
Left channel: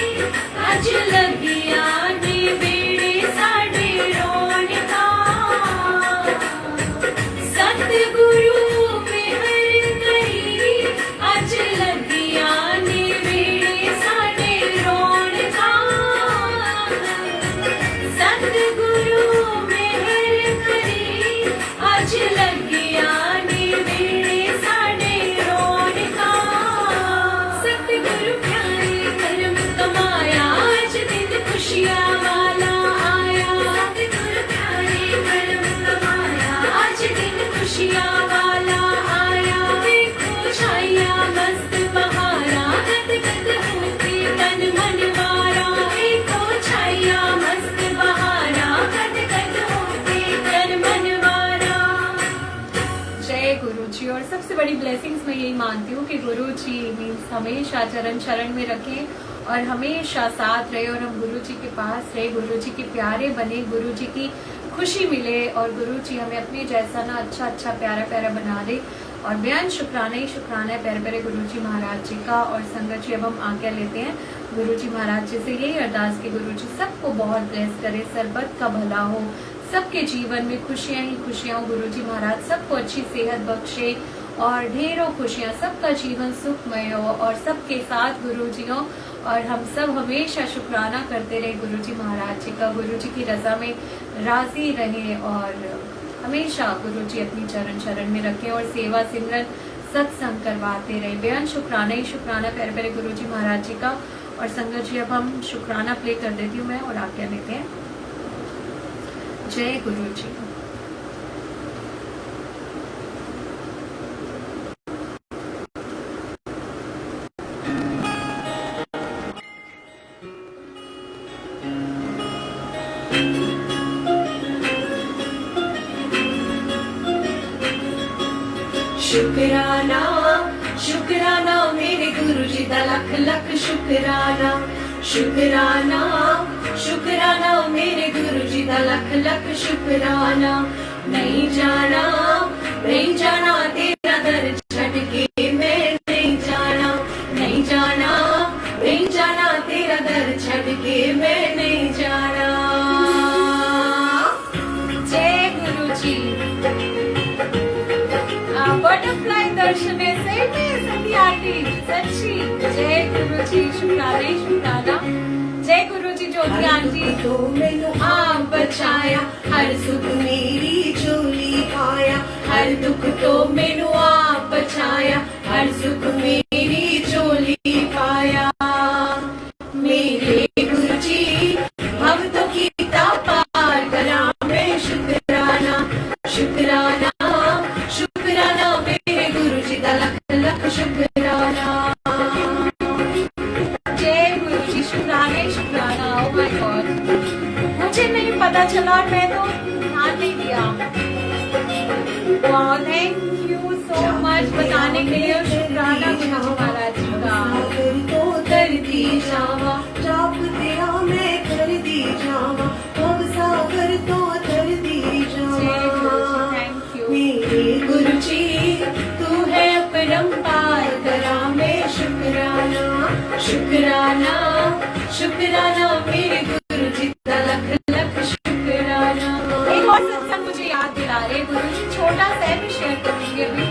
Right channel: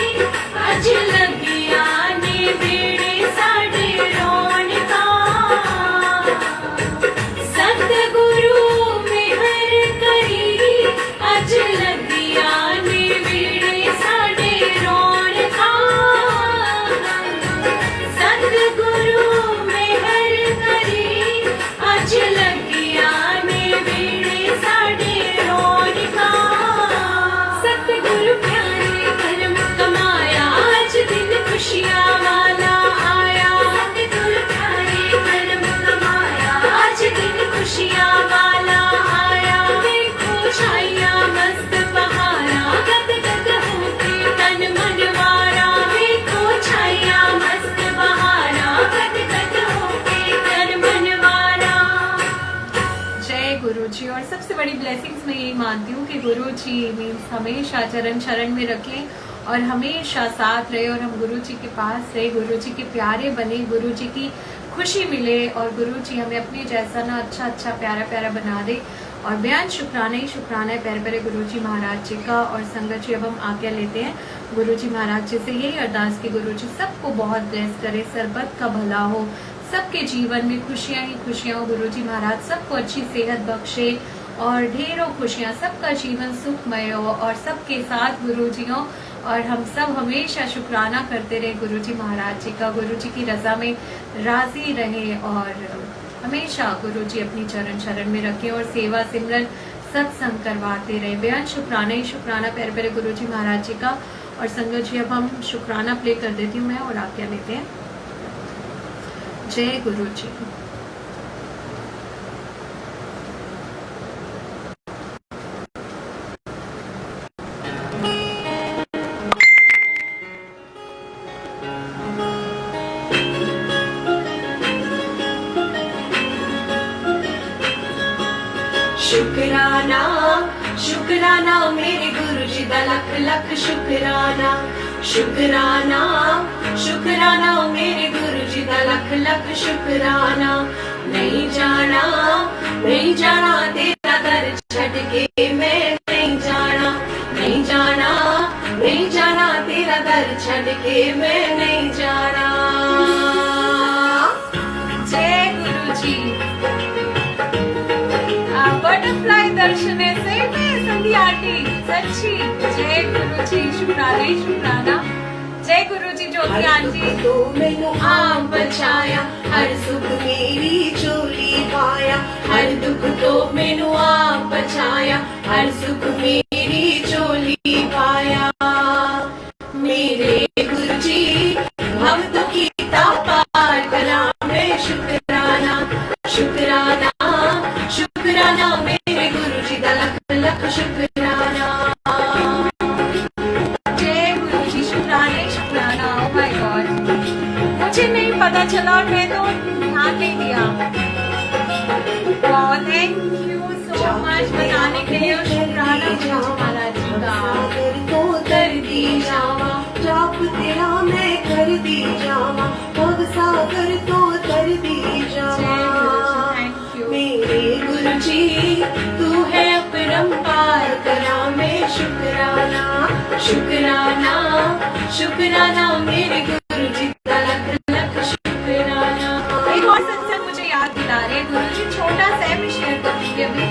अज लगिया ने वीणे साडे रौनका सतगुरु में हर तरी अज लगिया ने वीणे साडे रौनका सतगुरु में हर तरी अज लगिया ने वीणे साडे रौनका सतगुरु प्यारे करम कमाया अज दिन खुशियां वाला आया सतगुरु प्यारे करम कमाया अज दिन खुशियां वाला आया देखो छाइया मस्त बहारा गद गद होके तन मन मारा देखो छाइया मस्त बहारा गद गद होके तन मन मारा जय गुरु जी। और सबसे बड़ी ब्लेसिंग्स मैं यही मानती हूँ कि गुरु जी मीन्स हमेशा चरण शरण में रखें और हमेशा साथ रहे और हम गुरु जी के पास रहे, गुरु जी के प्यारे बने, गुरु जी की खुशी मिले और गुरु जी हमें अपने जैसा ना अच्छा अच्छा प्यारा प्यारा बना दे। और बेअंत शुक्राना ही शुक्राना है प्यारे प्यारे गुरु जी महाराज जी का। और संगत जी अब हम आज्ञा लेते हैं गुरु जी महाराज जी से, यही अरदास की गुरु जी सबको बहुत ब्लेस करे, सरबत का भला हो, सबके जीवन में खुशियां ही खुशियां हो। गुरु जी महाराज सबको अच्छी सेहत बख्शे और ढेरों खुशियां, सबका जीवन सुखमय हो और सबके साथ गुरु जी हो। और हम सब हमेशा शुक्राना करते रहे गुरु जी महाराज जी का, गुरु जी की रजा में राजी रहे और हमेशा गुरु जी अपनी चरण शरण में रखें और सेवा सिमरन सत्संग करवाते रहे। बेअंत शुक्राना ही शुक्राना प्यारे प्यारे गुरु जी महाराज जी का। और संगत जी अब हम शुक्राना प्ले कर देती हूँ मैं और आज्ञा लेते हैं। जय गुरु जी। शुक्राना शुक्राना मेरे गुरु जी दा लख लख शुक्राना शुक्राना शुक्राना मेरे गुरु जी दा लख लख शुक्राना। नहीं जाना तेरा दर छड़ के मैं नहीं जाना, नहीं जाना नहीं जाना तेरा दर छड़ के मैं नहीं जाना। जय गुरु जी। बटरफ्लाई दर्शन से संध्या आंटी सच्ची जय गुरु जी, शुक्राना ही शुक्राना। जय गुरु जी ज्योति आंटी। तो मैं तो आम बचाया हर सुख मेरी झोली पाया, हर दुख तो मैनू आप बचाया, हर सुख मेरी झोली पाया। मेरे गुरु जी हम तो कीता पार करा मैं शुक्राना शुक्राना शुक्राना मेरे गुरु जी दा लख लख शुक्राना। जय गुरु जी, शुक्राना ही शुक्राना। ओह माय गॉड, मुझे नहीं पता चला और मैं तो ध्यान नहीं दिया। वाह, थैंक यू सो मच बताने के लिए और शुक्राना गुरु जी महाराज जी का। तो कर दी जावा, जाप तेरा मैं कर दी जावा, भव सागर तो कर दी जय जावा। गुरु जी, थैंक यू। मेरे गुरु जी तू है परम्पार करा मैं शुक्राना शुक्राना शुक्राना मेरे गुरु जी का लख लख शुक्राना। एक और सत्संग मुझे याद दिला रहे गुरु जी, छोटा सा मैं शेयर करूंगी अभी।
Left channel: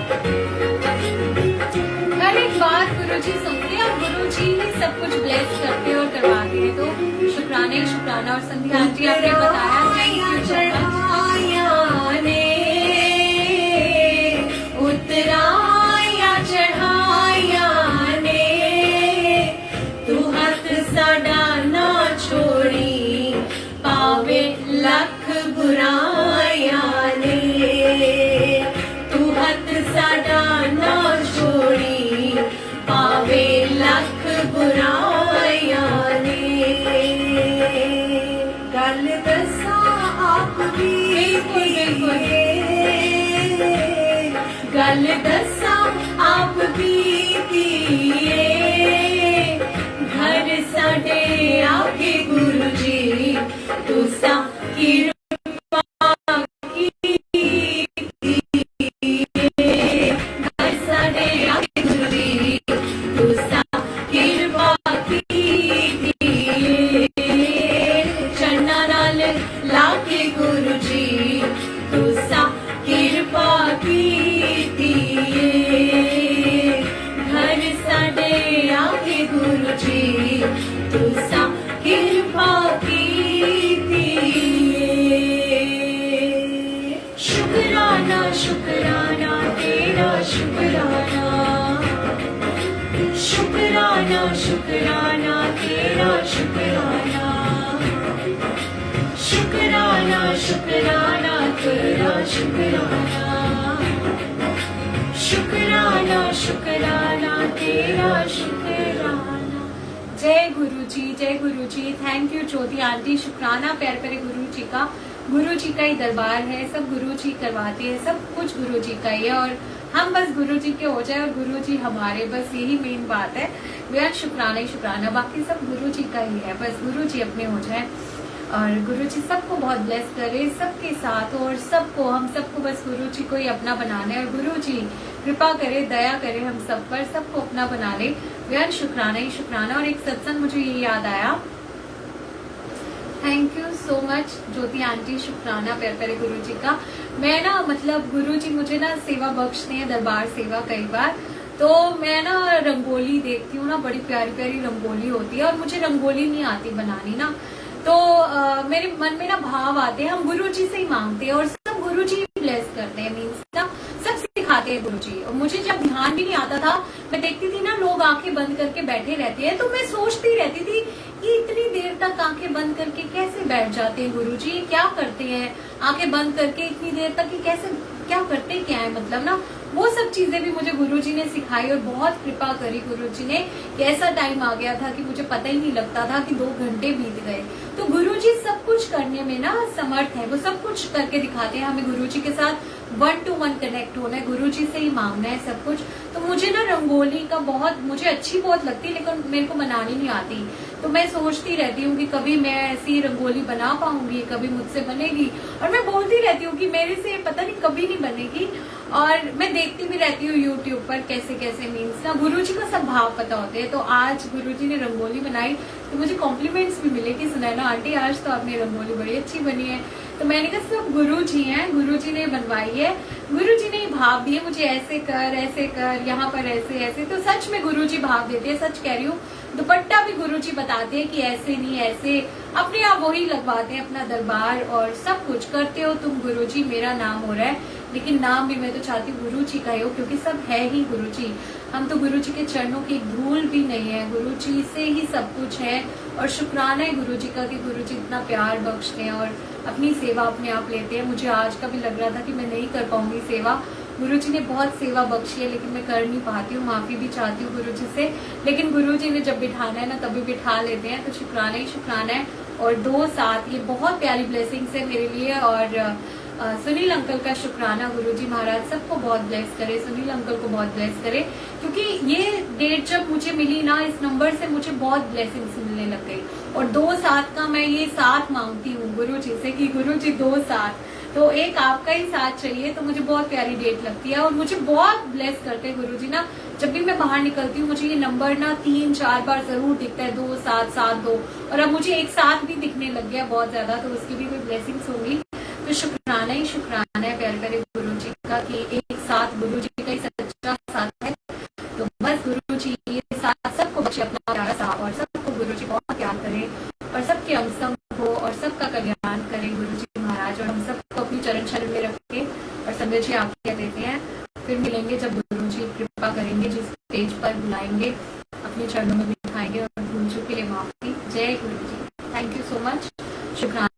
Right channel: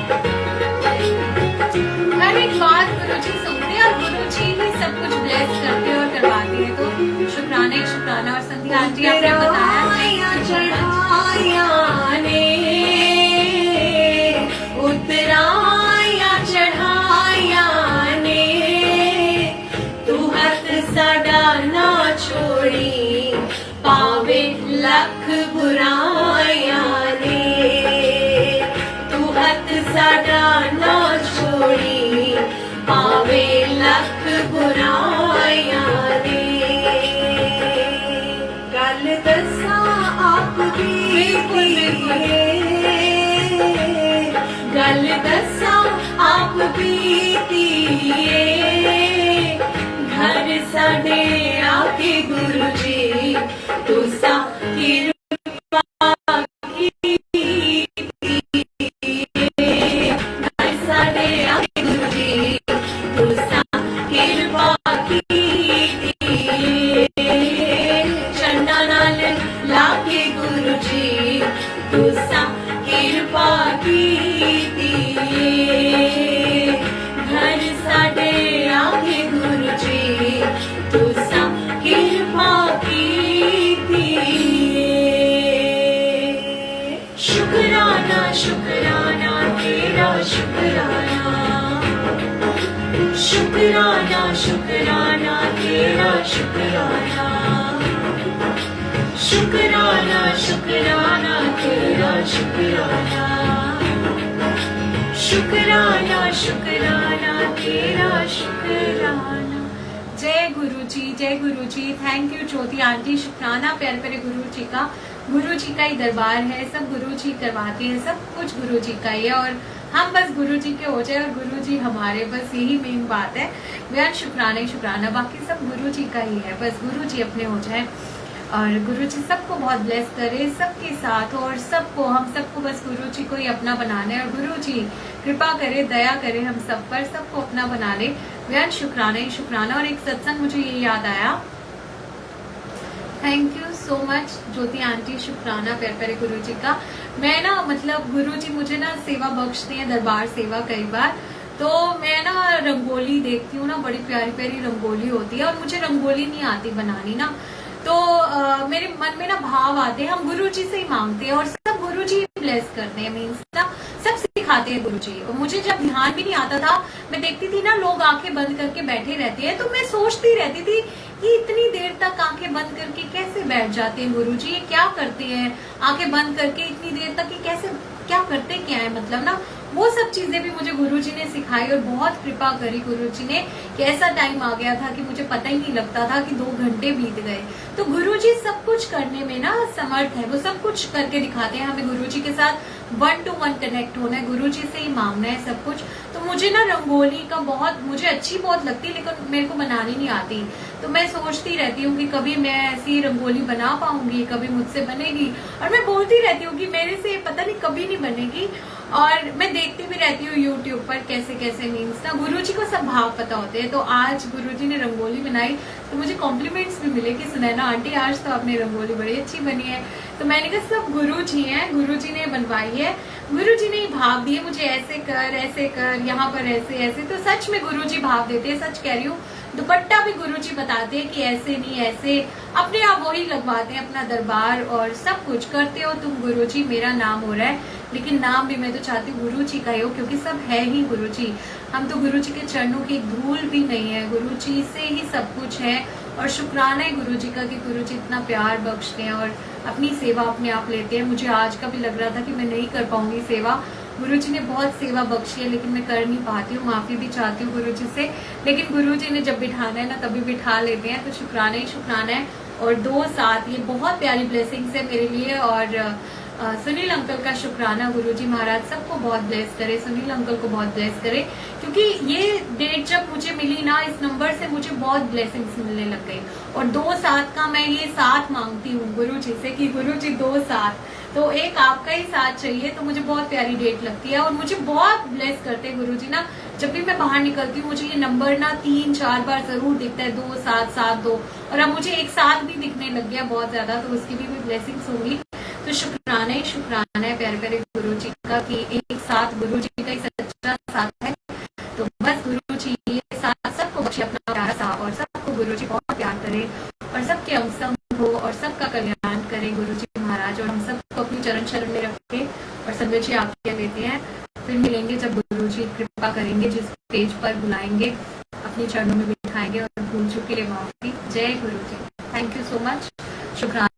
हर एक बात गुरु जी सुनते हैं और गुरु जी ही सब कुछ ब्लेस करते और करवाते हैं, तो शुक्राना ही शुक्राना। और संध्या आंटी आपने बताया उतराया चढ़ाया ने, तू हथ साडा ना छोड़ी पावे ला लख बुराइयां ने, तू हथ साडा ना छोड़ी, पावे लख बुराइयां ने। गल दसा आप दी, गल दसा आप बीतीए, घर साडे आके गुरु जी तुसा कृपा कीतीए, घर साडे आके गुरु जी तुसा कृपा कीतीए, चन्ना नाल लाके गुरु जी तुसा कृपा कीतीए, घर साडे आके गुरु जी तुसा कृपा कीतीए। शुकराना शुकराना तेरा शुकराना, शुकराना शुकराना तेरा शुकराना, शुकराना शुकराना तेरा शुकराना, शुकराना शुकराना तेरा शुकराना। जय गुरु जी, जय गुरु जी। थैंक यू ज्योति आंटी, शुक्राना प्यारे प्यारे गुरु जी का। गुरु जी का ही दरबार है, सब गुरु जी करवाते हैं, सब कुछ गुरु जी का ही है और हम बस गुरु जी के हो जाए और गुरु जी हमारे, बस यही मेन बात है। बेहद शुक्राना ही शुक्राना, बाकी सब गुरु जी का ही है, बस गुरु जी अपने हो जाए और गुरु जी सबको बहुत ब्लेस करे, सबके साथ और सबको, हम सबको बस गुरु जी को ही अपना बनाना है और गुरु जी कृपा करे, दया करे हम सब पर, सबको अपना बना ले। बेहद शुक्राना ही शुक्राना। और एक सत्संग मुझे ये याद आया, thank you so much Jyoti aunty, शुक्राना प्यारे प्यारे गुरु जी का। मैं ना मतलब गुरु जी मुझे ना सेवा बख्शते हैं, दरबार सेवा कई बार, तो मैं ना रंगोली देखती हूँ ना, बड़ी प्यारी प्यारी रंगोली होती है और मुझे रंगोली नहीं आती बनानी ना, तो मेरे मन में ना भाव आते हैं, हम गुरु जी से ही मांगते हैं और सब गुरु जी ब्लेस करते हैं, मीन्स ना सब सिखाते हैं गुरु जी। और मुझे जब ध्यान भी नहीं आता था, मैं देखती थी ना लोग आंखें बंद करके बैठे रहते हैं, तो मैं सोचती रहती थी कि इतनी देर तक आंखें बंद करके कैसे बैठ जाते हैं गुरु जी, क्या करते हैं आंखें बंद करके इतनी देर तक, ये कैसे क्या करते क्या है, मतलब ना वो सब चीजें भी मुझे गुरुजी ने सिखाई और बहुत कृपा करी गुरुजी ने कि ऐसा टाइम आ गया था कि मुझे पता ही नहीं लगता था कि 2 घंटे बीत गए। तो गुरुजी सब कुछ करने में ना समर्थ है, वो सब कुछ करके दिखाते हैं, हमें गुरुजी के साथ 1 to 1 कनेक्ट होना है, गुरुजी से ही मांगना है सब कुछ। तो मुझे ना रंगोली का बहुत, मुझे अच्छी बहुत लगती है लेकिन मेरे को बनानी नहीं आती, तो मैं सोचती रहती हूँ कि कभी मैं ऐसी रंगोली बना पाऊंगी, कभी मुझसे बनेगी, और मैं बोलती रहती हूँ कि मेरे से पता नहीं कभी नहीं बनेगी। और मैं देखती भी रहती हूँ यूट्यूब पर कैसे कैसे, मीन्स ना गुरुजी को सब भाव पता होते हैं। तो आज गुरुजी ने रंगोली बनाई तो मुझे कॉम्प्लीमेंट्स भी मिले कि सुनैना आंटी आज तो आपने रंगोली बड़ी अच्छी बनी है। तो मैंने कहा सब गुरुजी हैं, गुरुजी ने बनवाई है, गुरुजी ने भाव दिए मुझे, ऐसे कर, यहाँ पर ऐसे ऐसे। तो सच में गुरुजी भाव देते हैं, सच कह रही हूँ। दुपट्टा भी गुरुजी बताते हैं कि ऐसे नहीं ऐसे, अपने आप वही लगवाते हैं अपना दरबार और सब कुछ करते हो तुम गुरुजी। मेरा नाम हो रहा है लेकिन नाम भी मैं तो चाहती हूँ गुरुजी का ही हो, क्योंकि सब है ही गुरुजी। हम तो गुरुजी के चरणों की एक धूल भी नहीं है, गुरुजी से ही सब कुछ है। और शुक्राना है गुरुजी का कि गुरुजी इतना प्यार बख्शते हैं और अपनी सेवा अपने आप लेते हैं। मुझे आज का भी लग रहा था कि मैं नहीं कर पाऊंगी सेवा, गुरुजी ने बहुत सेवा बख्शी है लेकिन मैं कर नहीं पाती हूँ, माफी भी चाहती हूँ गुरुजी से। लेकिन गुरुजी ने जब बिठाना है ना तभी बिठा लेते हैं, तो शुक्राना ही शुक्राना है। और 2 साथ ये बहुत प्यारी ब्लेसिंग्स है मेरे लिए। और सुनील अंकल का शुक्राना, गुरुजी महाराज सबको बहुत ब्लेस करे, सुनील अंकल को बहुत ब्लेस करे, क्योंकि ये डेट जब मुझे मिली ना, इस नंबर से मुझे बहुत ब्लेसिंग्स मिलने लग गई। और 2 साथ का मैं ये साथ मांगती हूँ गुरुजी से कि गुरुजी 2 साथ, तो एक आपका ही साथ चाहिए, तो मुझे बहुत प्यारी डेट लगती है। और मुझे बहुत ब्लेस करते हैं गुरुजी ना, जब भी मैं बाहर निकलती हूँ मुझे ये नंबर ना 3-4 बार जरूर दिखता है, 2 7 7 2, और अब मुझे एक साथ भी दिखने लग गया बहुत ज्यादा, तो उसकी भी कोई ब्लेसिंग्स होंगी। तो शुक्राना ही शुक्राना है प्यारे प्यारे गुरुजी का कि एक साथ गुरुजी का ही सच्चा साथ है। तो बस गुरुजी ये साथ सबको बख्शे अपना प्यारा साथ, और सबको गुरुजी बहुत प्यार करे और सबके अमसम हो और सबका कल्याण करे गुरुजी महाराज। और हम सबको अपनी चरण शरण में रखे और संगत जी आज्ञा देते हैं, फिर मिलेंगे जब गुरुजी कृपा करेंगे, जिस पेज पर बुलाएंगे अपने चरणों में बिठाएंगे। और भूल चुके लिए माफी। जय गुरुजी, थैंक यू सो मच, शुक्राना।